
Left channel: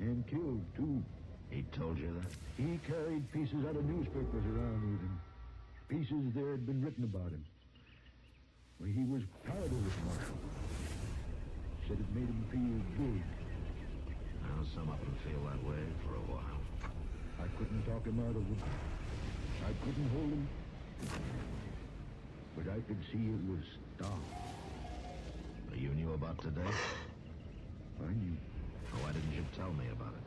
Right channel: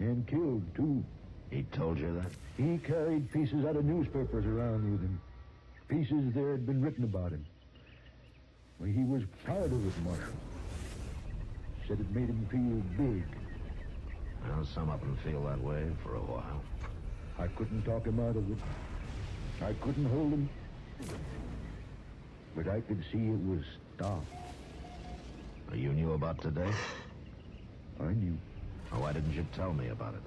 And killed, too. He told you that? He carried pieces out of newspapers around with him. Pieces there had been written about him. Well, he was proud of it, Marshal. Said it made him feel big. Well, some of them feel that way for a while. I couldn't talk him out of it. I couldn't hold him. But I could see it was stopped. You knew about today? I knew. Oh, why didn't you tell me about it?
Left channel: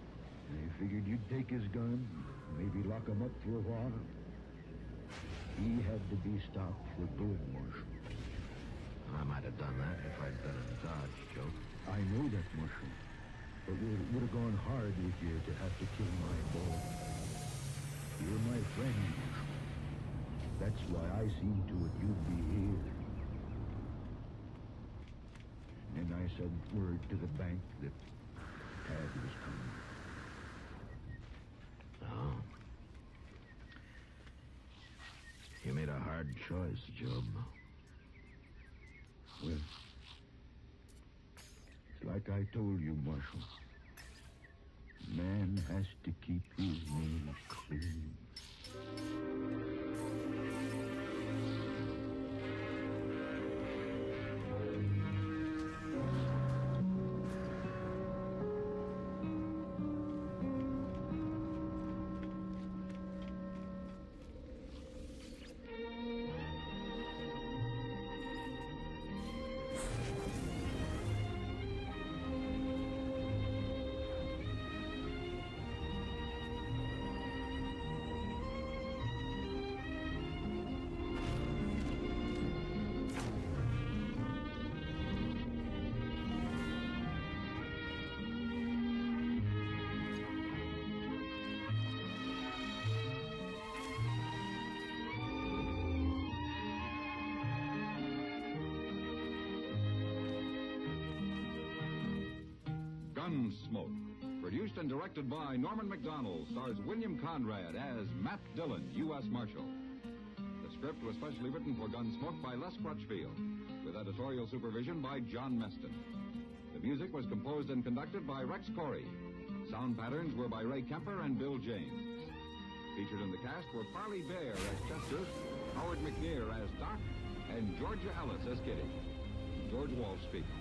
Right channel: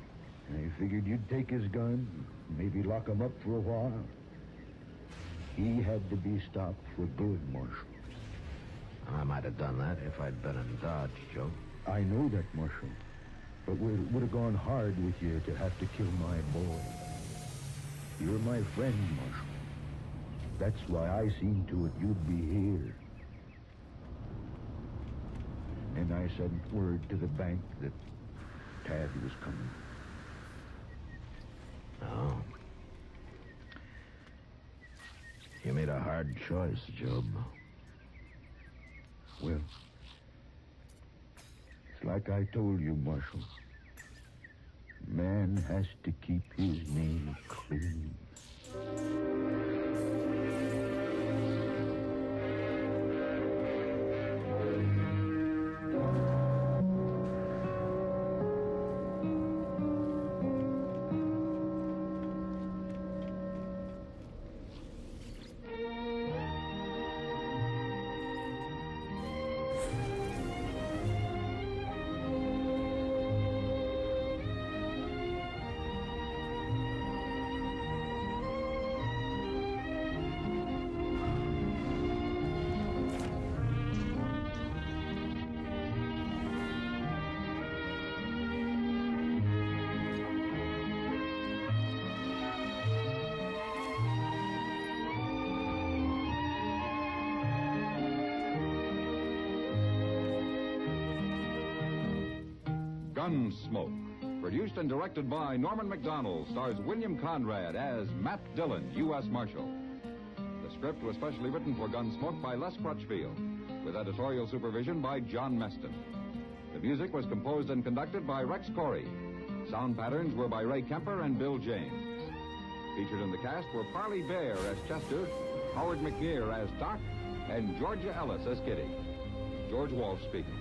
I figured you'd take his gun, maybe lock him up for a while. He had to be stopped for good, Marshal. I might have done that if I'd been in Dodge, Joe. I know that, Marshal. But it would have gone hard with you to have to kill my boy. You're my friend, Marshal. That's why I seen to it you'd be here. And I sent word to the bank that Tad was coming. Oh. You made a hard choice, Job. Well, it's like I told you, Marshal. Man has to keep his name clean. Gunsmoke. Produced and directed by Norman Macdonald, stars William Conrad as Matt Dillon, U.S. Marshal. The script was specially written for Gunsmoke by Les Crutchfield, with editorial supervision by John Meston. The music was composed and conducted by Rex Corey. Sound patterns were by Ray Kemper and Bill James. Featured in the cast were Parley Bear as Chester, Howard McNear as Doc, and Georgia Ellis as Kitty. George Walsh speaking.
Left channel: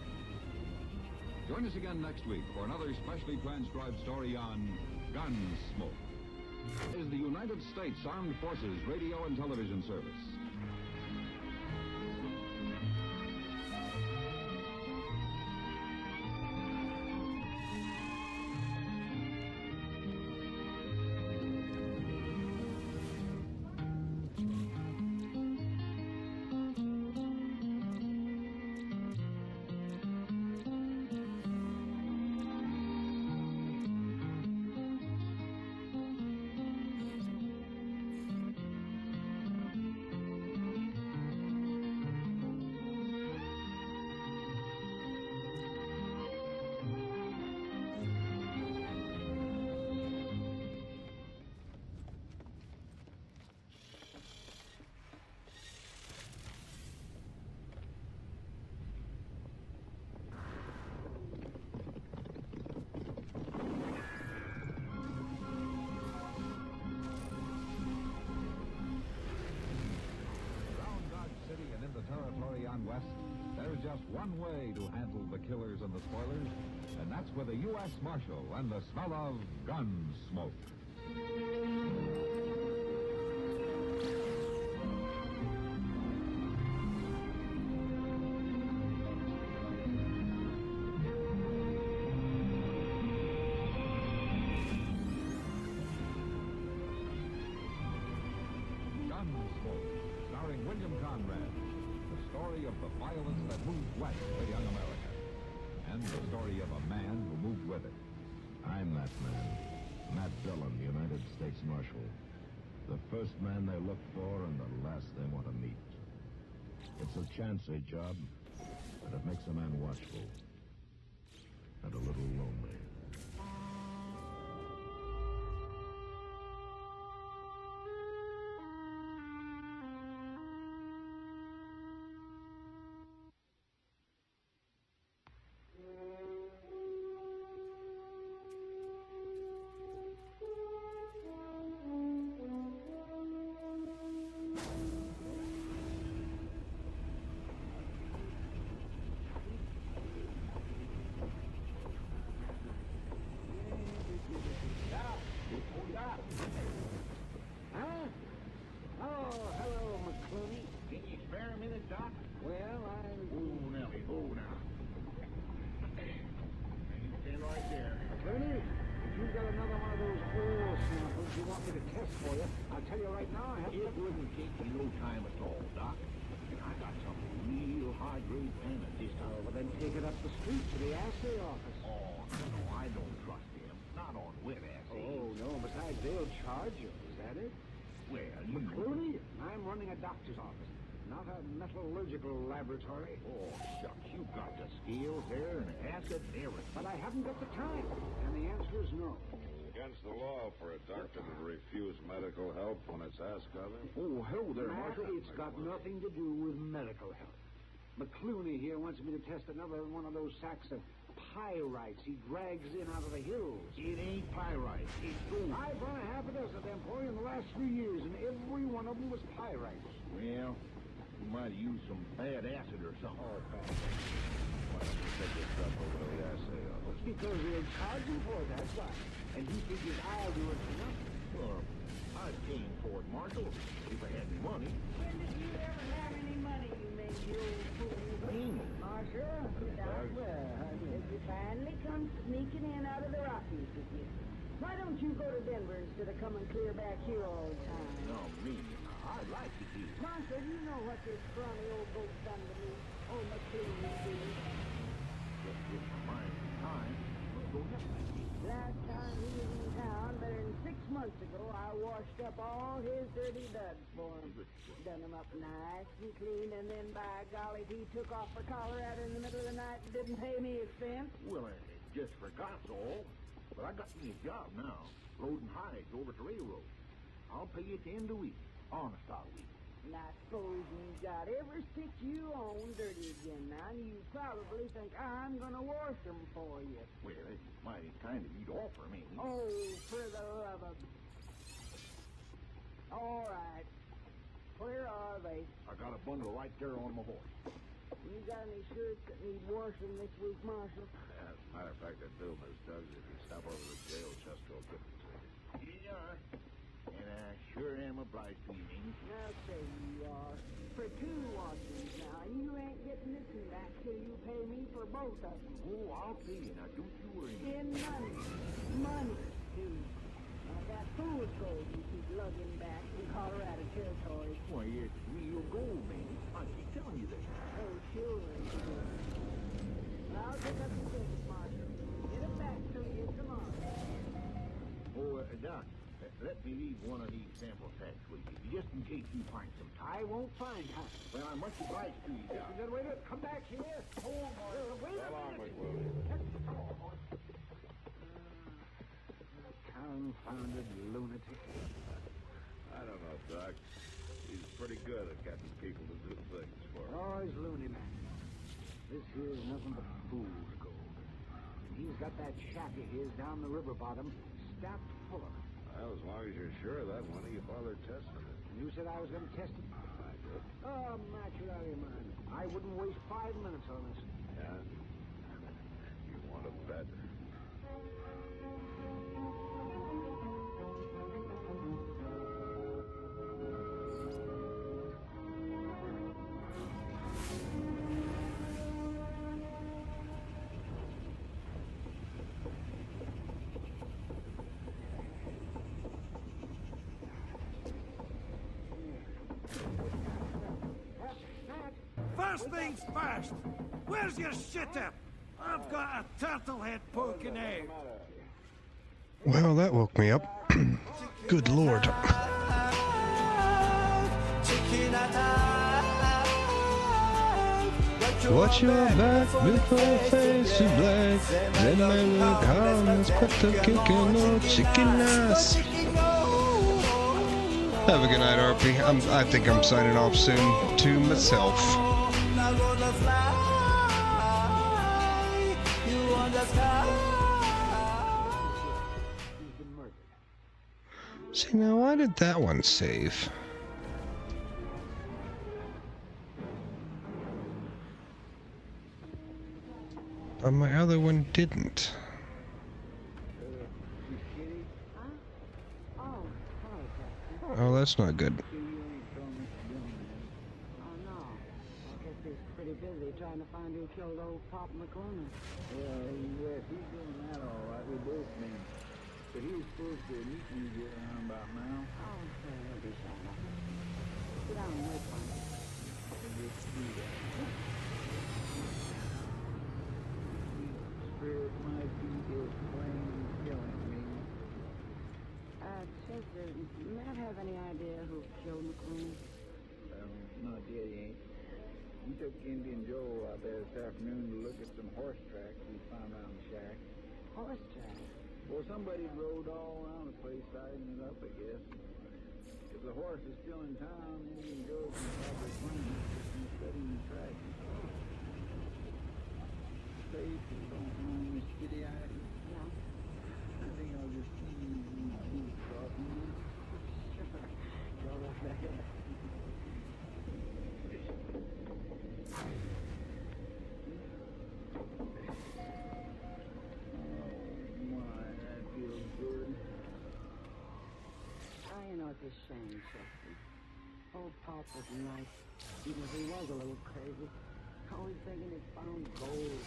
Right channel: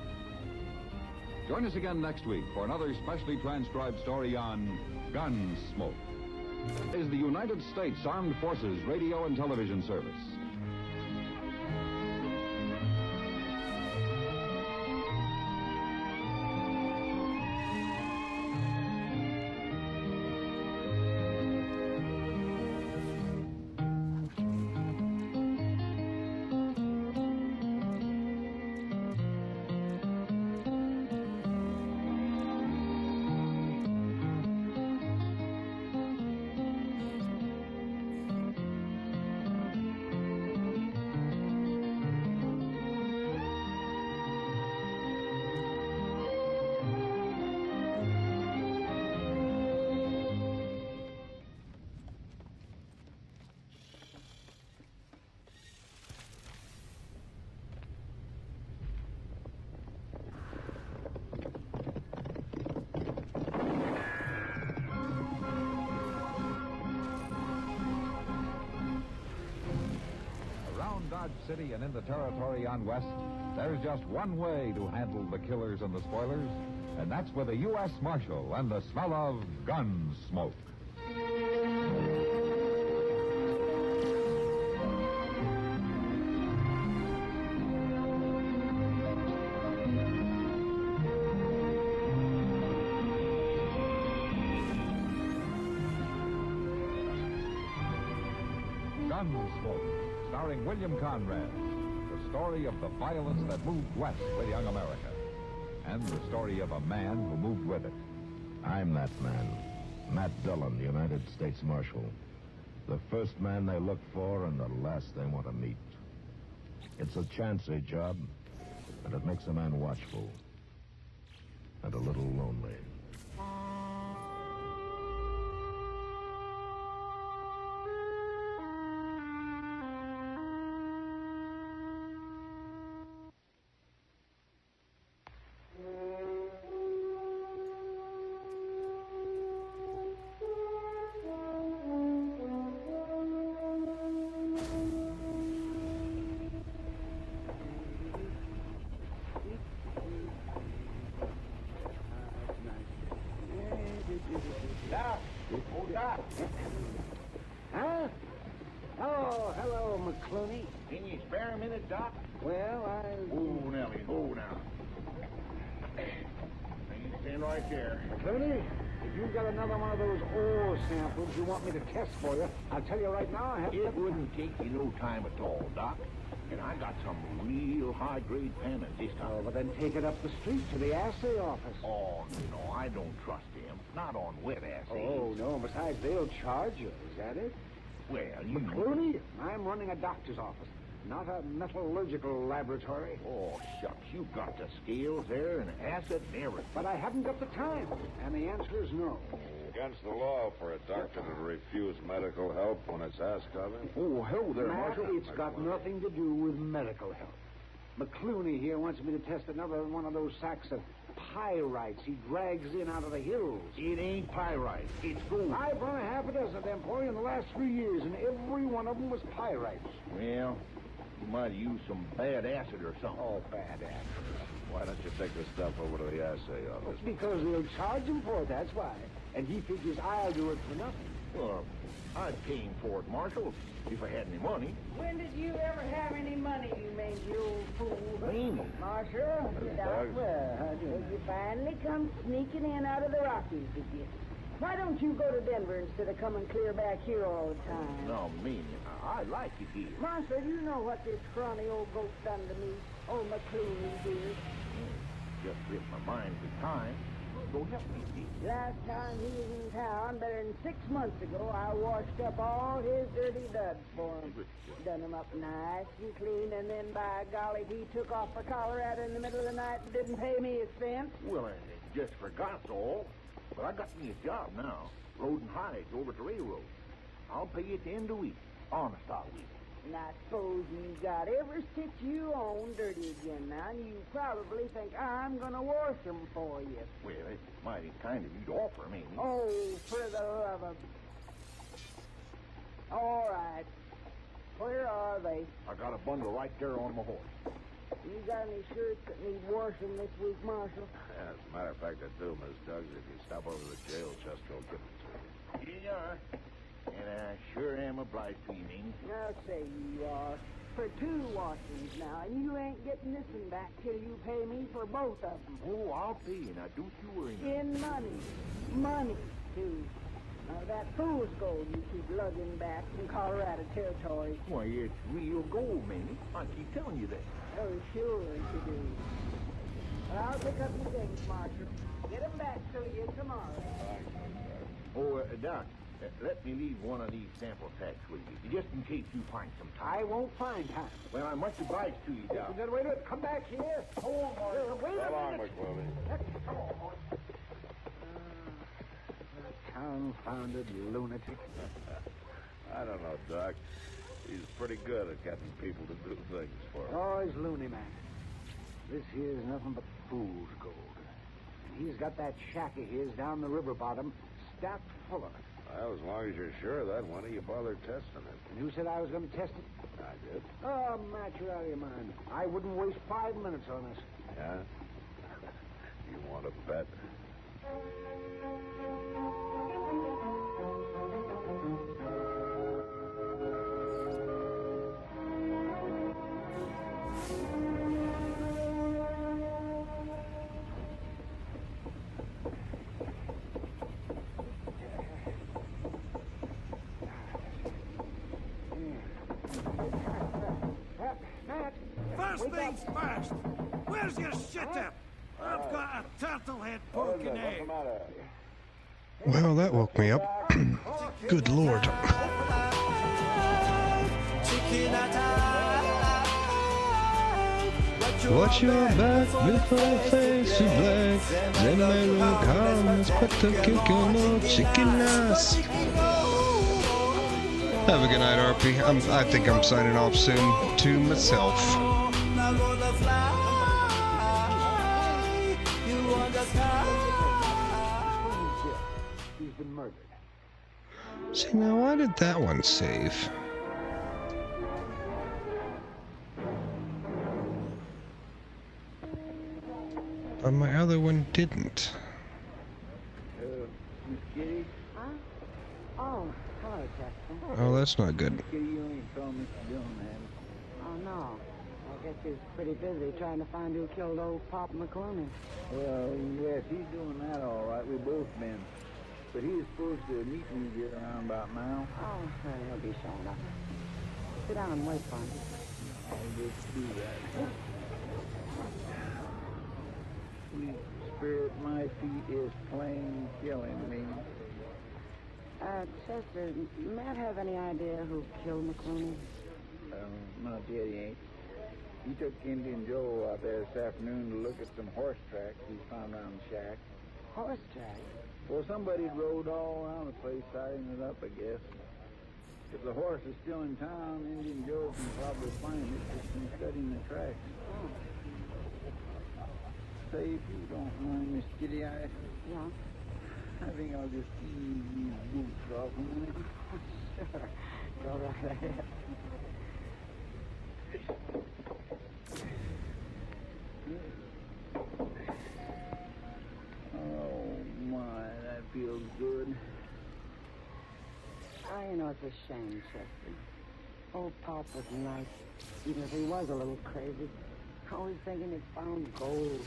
Join us again next week for another specially transcribed story on Gunsmoke. Is the United States Armed Forces Radio and Television Service. City and into territory on West, there's just one way to handle the killers and the spoilers, and that's with a U.S. Marshal and the smell of Gunsmoke. Gunsmoke, starring William Conrad. story of the violence that moved west with young America, and the story of a man who moved with it. I'm that man. Matt Dillon, United States Marshal. The first man they look for and the last they want to meet. It's a chancy job, and it makes a man watchful and a little lonely. Doc! Oh, Doc! Huh? Oh, hello, McClooney. Can you spare a minute, Doc? Well, Oh, Nellie, now. You stand right there. McClooney, if you've got another one of those ore samples you want me to test for you, I'll tell you right now I have It wouldn't take you no time at all, Doc. And I got some real high-grade pennant this time. Oh, well, then take it up the street to the assay office. Oh, no, I don't trust them. Not on wet assays. Oh, no, besides, they'll charge you. Is that it? Well, you... McClooney, I'm running a doctor's office, not a metallurgical laboratory. Oh, shucks, you've got the scales there and acid and everything. But I haven't got the time, and the answer is no. Against the law for a doctor to refuse medical help when it's asked of him. Oh, hello there, Matt, Marshal. it's got nothing to do with medical help. McClooney here wants me to test another one of those sacks of pyrites he drags in out of the hills. It ain't pyrite. It's gold. I've run a half a dozen of them for you in the last 3 years, and every one of them was pyrites. Well, you might have used some bad acid or something. Oh, bad acid. Why don't you take this stuff over to the assay office? Because they'll charge him for it, that's why. And he figures I'll do it for nothing. Well, I'd pay him for it, Marshal, if I had any money. When did you ever have any money, you mangy old fool? Mamie. Marshal, Doug. well, you finally come sneaking in out of the Rockies with you. Why don't you go to Denver instead of coming clear back here all the time? No, Mamie, I like it here. Marshal, you know what this scrawny old goat's done to me. Old McClooney did. Just if my mind was time, go help me. Last time he was in town, better than 6 months ago, I washed up all his dirty duds for him. Done him up nice and clean, and then, by golly, he took off for Colorado in the middle of the night and didn't pay me his cents. Well, I just forgot all. But I got me a job now, loading hides over at the railroad. I'll pay you at the end of the week. Honest, I will. And I suppose you got every stitch you own dirty again now, and you probably think I'm gonna wash them for you. Well, it's mighty kind of you to offer me. Oh, for the love of... All right. Where are they? I got a bundle right there on my horse. You got any shirts that need washing this week, Marshal? Yeah, as a matter of fact, I do, Miss Duggs. If you stop over to the jail chest, I'll give it to you. Here you are. And I sure am obliged to you, Mamie. I'll say you are. For 2 washings now, and you ain't getting this one back till you pay me for both of them. Oh, I'll pay you. Now, don't you worry. In money. Money, too. That fool's gold you keep lugging back from Colorado Territory. Why, it's real gold, Mamie. I keep telling you that. Oh, sure you do. Well, I'll pick up your things, Marshal. Get them back to you tomorrow. Oh, Doc, let me leave one of these sample sacks with you, just in case you find some time. I won't find time. Well, I'm much obliged to you, Doc. Wait a minute. Come back here. Hold on, wait a minute. McClooney. Come on, boy. Confounded lunatic. I don't know, Doc. He's pretty good at getting people to do things for him. Oh, he's loony, man. This here's nothing but fool's gold. And he's got that shack of his down the river bottom stacked full of it. Well, as long as you're sure of that, why don't you bother testing it? And who said I was going to test it? I did. Oh, Matt, you're out of your mind. I wouldn't waste 5 minutes on this. Yeah? You want to bet? Matt! moves fast. Where's your shitter? I've got a turtle head poking out. Well, that woke me up. Good lord. Watch your back before your face is black. Then my little comments put the kick in no chicken ass. Have a good night, RP. I think I'm signing off soon to myself. See, now why did that one save? But my other one didn't. Oh, hello, Chester. Oh, that's not good. Oh, no. I guess he's pretty busy trying to find who killed old Pop McClooney. Well, yes, he's doing that all right. We both been. But he was supposed to meet me here around about now. Oh, well, he'll be showing up. Sit down and wait for him. Spirit, my feet is plain killing me. Chester, Matt have any idea who killed McClooney? Not yet, he ain't. He took Indian Joe out there this afternoon to look at some horse tracks he found around the shack. Horse tracks? Well, somebody rode all around the place, sizing it up, I guess. If the horse is still in town, Indian Joe can probably find it just in studying the tracks. Oh. Say, if you don't mind, Miss Kitty, I think I'll just ease these boots off a minute. Sure. Go right ahead. Oh, my, that feels good. You know, it's a shame, Chester. Old Pop was nice, even if he was a little crazy. Always thinking he'd found gold.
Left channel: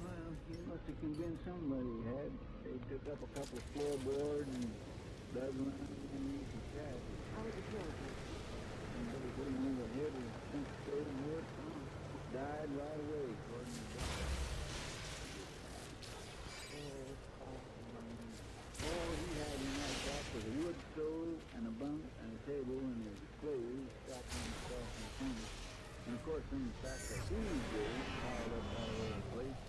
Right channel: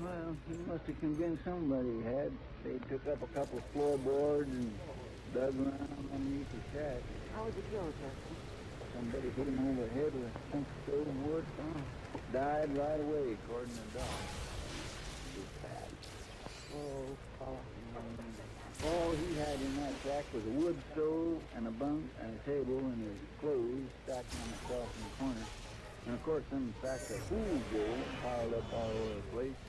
Well, he must have convinced somebody he had. They took up a couple of floorboards and dug around underneath the shack. How was he killed, Chester? Somebody hit him over the head with a stump of stone wood. Died right away, according to the doctor. All he had in that shack was a wood stove and a bunk and a table and his clothes stacked on the shelf in the corner. And of course, some sacks of fool's gold piled up all over the place.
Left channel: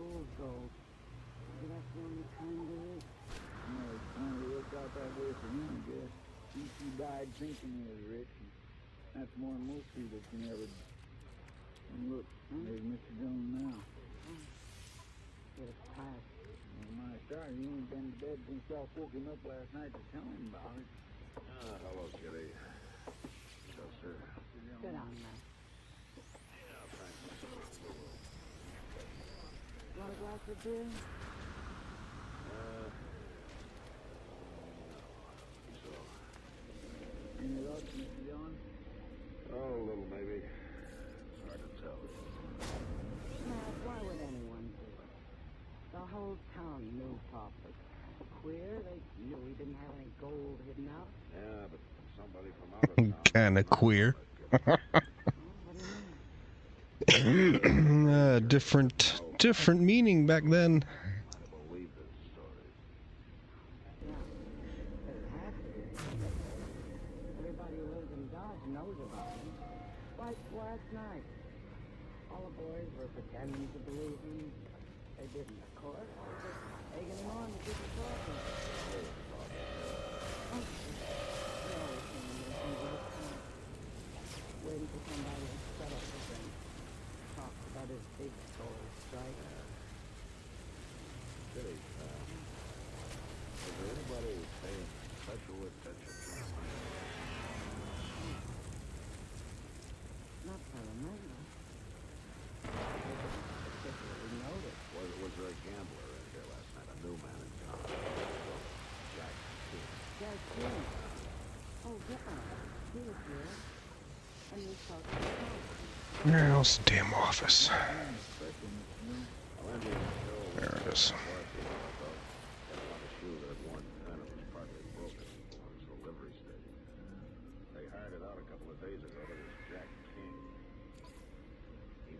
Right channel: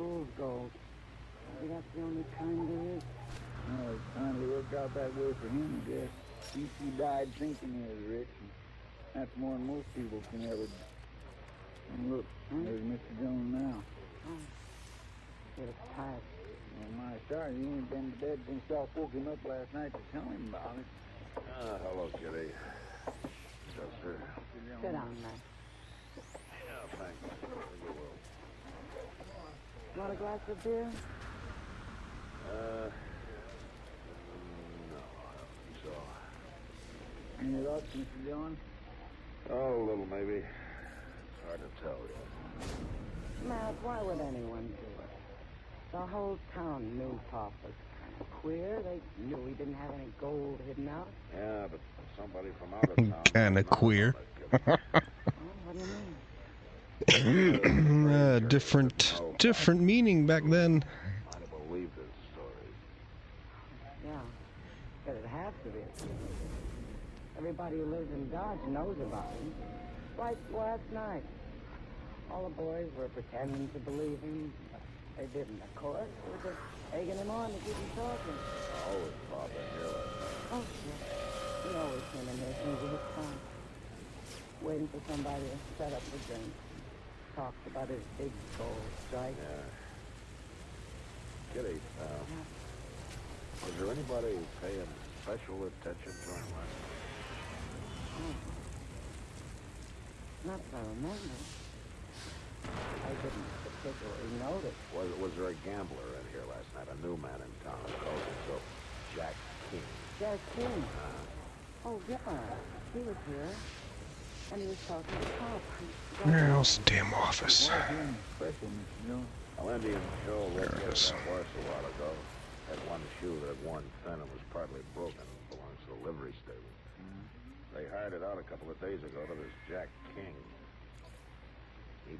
Fool's gold. Maybe that's the only kind there is. Well, it finally worked out that way for him, I guess. He died thinking he was rich. And that's more than most people can ever. And look, there's Mr. Jones now. He was tired. Well, my stars, he ain't been to bed since Doc woke him up last night to tell him about it. Hello, Kitty. Yes, sir. Sit down, man. Yeah, thanks. Want a glass of beer? No, so. Any luck, Mr. Dillon? Oh, a little, maybe. It's hard to tell yet. Matt, why would anyone do it? The whole town knew Pop was kind of queer. They knew he didn't have any gold hidden out. Yeah, but somebody from out of town. Kinda queer. Different meaning back then. I believe this story. Yeah, but it has to be. Everybody who lives in Dodge knows about him. Like last night. All the boys were pretending to believe him. They didn't, of course. They were just egging him on to keep him talking. Always Pop and Hill. Oh, he always came in there thinking his time. Waiting for somebody to set up the drink. Talked about his big gold strike. Kitty, is there anybody paying special attention to him right now? Not that I remember. I didn't particularly notice. Was there a gambler in here last night? A new man in town? Jack King. Jack King? Oh, yeah. He was here. And he was talking to Pop. Where's the damn office? Well, Indian Joe There it is. horse a while ago. Had one shoe that had worn thin and was partly broken. Belongs to the livery stable. They hired it out a couple of days ago to this Jack King.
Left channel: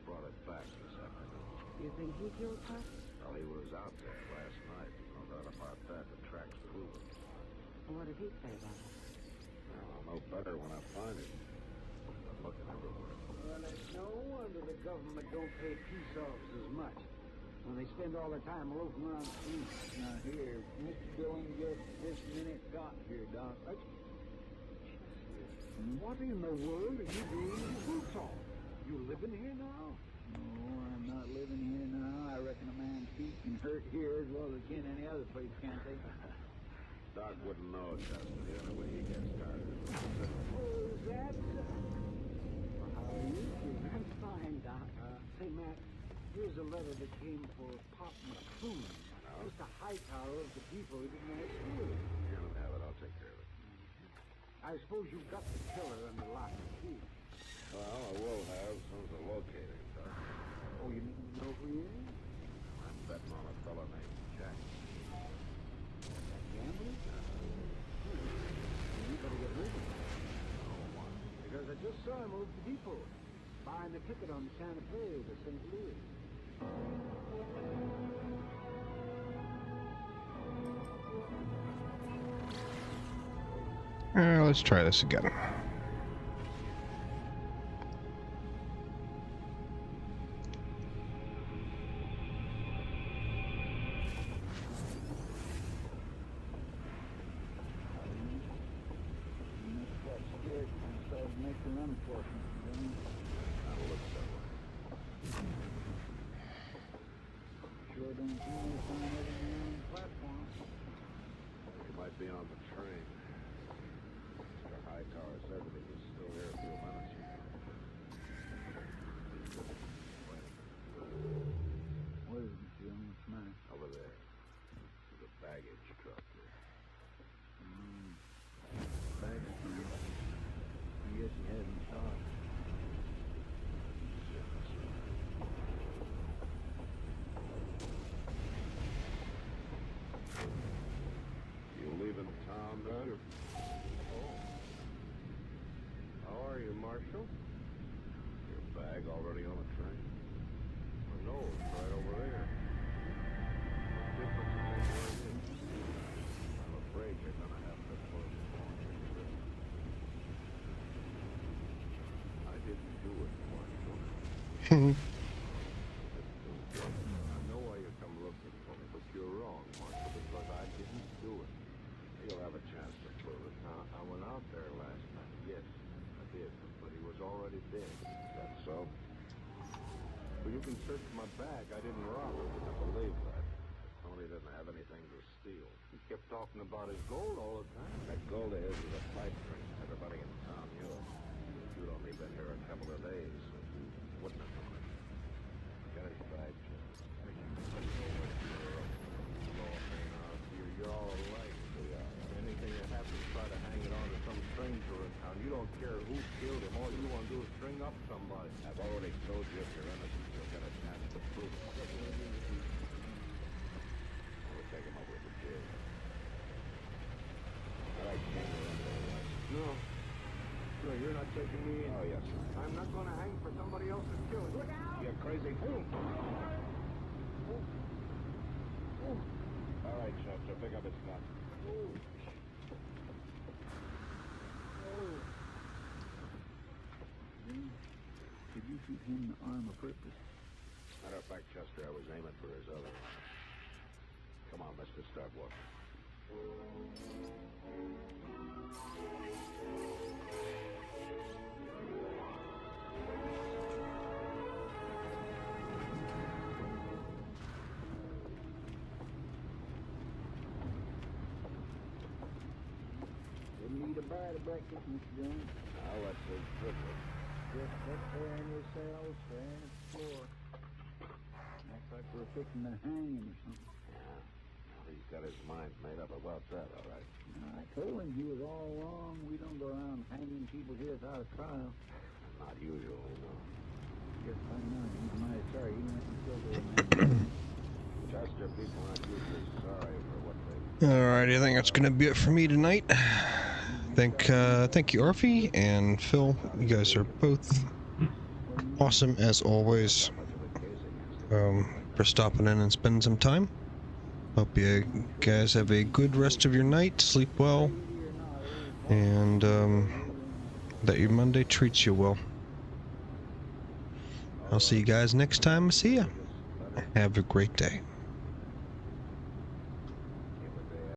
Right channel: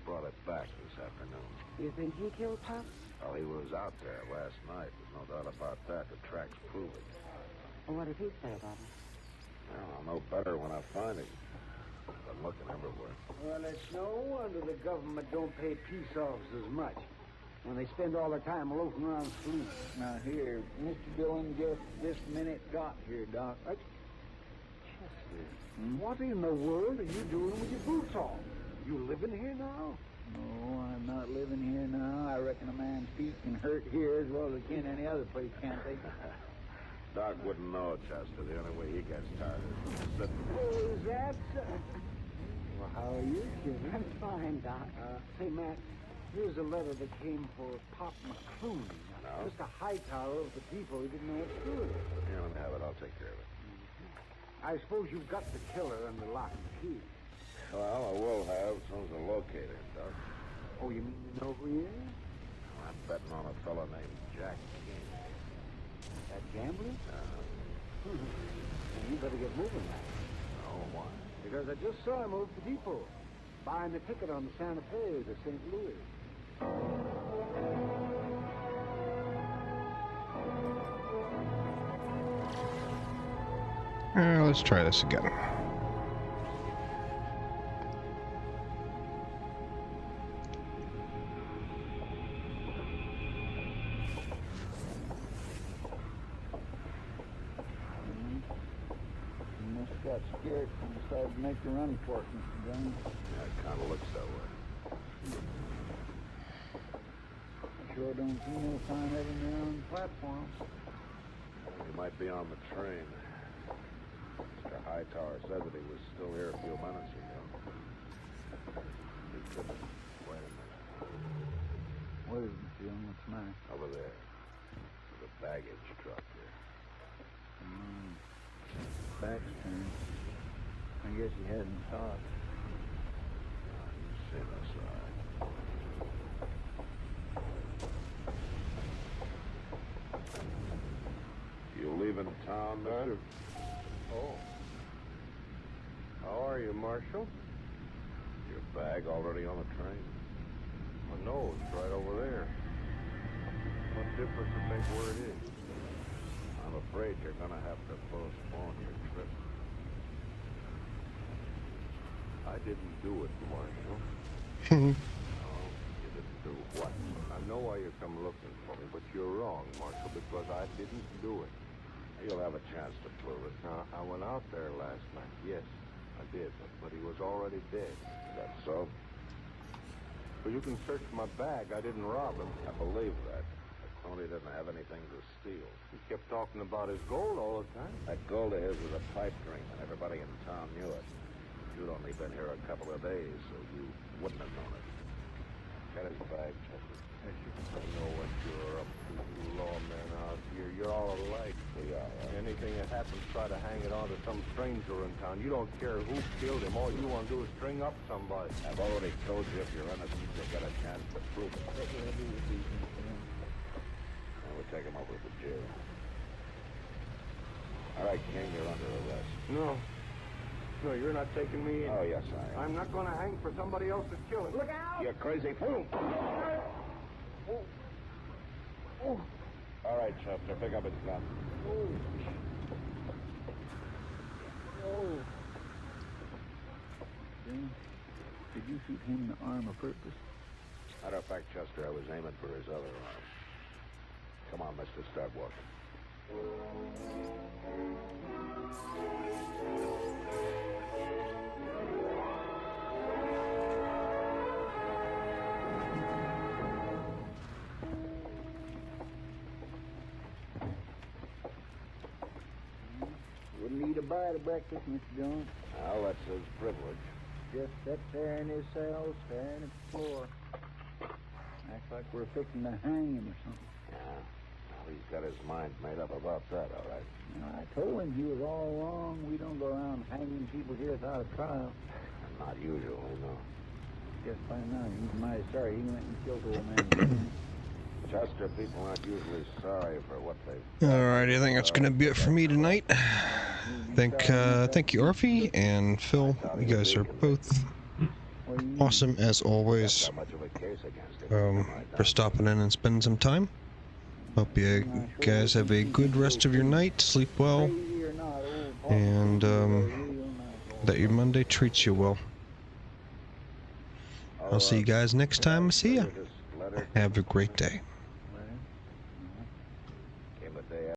brought it back this afternoon. You think he killed Pop? Well, he was out there last night. There's no doubt about that. The tracks prove it. Well, what did he say about it? Well, I'll know better when I find him. I'm looking everywhere. Well, it's no wonder the government don't pay peace officers much when they spend all their time loafing around sleep. Now, here, Mr. Dillon just this minute got here, Doc. What in the world are you doing with your boots off? You living here now? No, I'm not living here now. I reckon a man's feet can hurt here as well as they can any other place, can't they? Doc wouldn't know, Chester. The only way he gets tired. Oh, is that? Well, how are you? I'm fine, Doc. Say, Matt, here's a letter that came for Pop McCroom. Just a high tower of the people who didn't know what to do with it. Here, let me have it. I'll take care of it. I suppose you've got the killer under lock and key. Well, I will have as soon as I locate him, Doc. Oh, you mean you know who he is? I'm betting on a fellow named Jack. That gambler? You better get moving. Oh, why? Because I just saw him over the depot, buying a ticket on the Santa Fe to St. Louis. Let's try this again. Got scared and decided to make a run for it, Mr. Jones. That kind of looks that way. Sure don't see no sign of him there on the platform. He might be on the train. Mr. Hightower said that he was still here a few minutes ago. Wait a minute. What is it, Mr. Young? What's the matter? Over there. The baggage truck there. Baggage train. I guess he hasn't talked. Sit aside. You leaving town, mister? Oh. How are you, Marshal? Your bag already on the train? Oh, no, it's right over there. What difference does it make where it is? I'm afraid you're gonna have to postpone your trip. I didn't do it, Marshal. You didn't do what? I know why you come looking for me, but you're wrong, Marshal, because I didn't do it. You'll have a chance to prove it. Now, I went out there last night. Yes, I did, but he was already dead. Is that so? Well, you can search my bag. I didn't rob him. I believe that. Tony didn't have anything to steal. He kept talking about his gold all the time. That gold of his was a pipe dream, and everybody in town knew it. You'd only been here a couple of days, so you wouldn't have known it. Get his bag, Chester. I know what you're up to, lawman out here. You're all alike. We are. Anything that happens, try to hang it on to some stranger in town. You don't care who killed him. All you want to do is string up somebody. I've already told you if you're innocent, you'll get a chance to prove it. Now we'll take him over to jail. All right, King, you're under arrest. No. No, you're not taking me in. Oh, yes, I am. I'm not going to hang for somebody else's killing. Look out! You crazy fool! All right, Chester, pick up his gun. Did you shoot him in the arm of purpose? Matter of fact, Chester, I was aiming for his other arm. Come on, mister, start walking. Wouldn't eat a bite of breakfast, Mr. Jones. Well, that's his privilege. Just up there in his cell, staring at the floor. Acts like we're fixing to hang him or something. Yeah. Well, he's got his mind made up about that, all right. Now, I told him he was all wrong. We don't go around hanging people here without a trial. Not usually, no. Just find out. He's mighty sorry. He went and killed old man. Chester, people aren't usually sorry for what they... Alright, I think that's gonna be it for me tonight. Thank you, Arfie and Phil. You guys are both awesome as always for stopping in and spending some time. Hope you guys have a good rest of your night, sleep well, and that your Monday treats you well. I'll see you guys next time I see ya. Have a great day.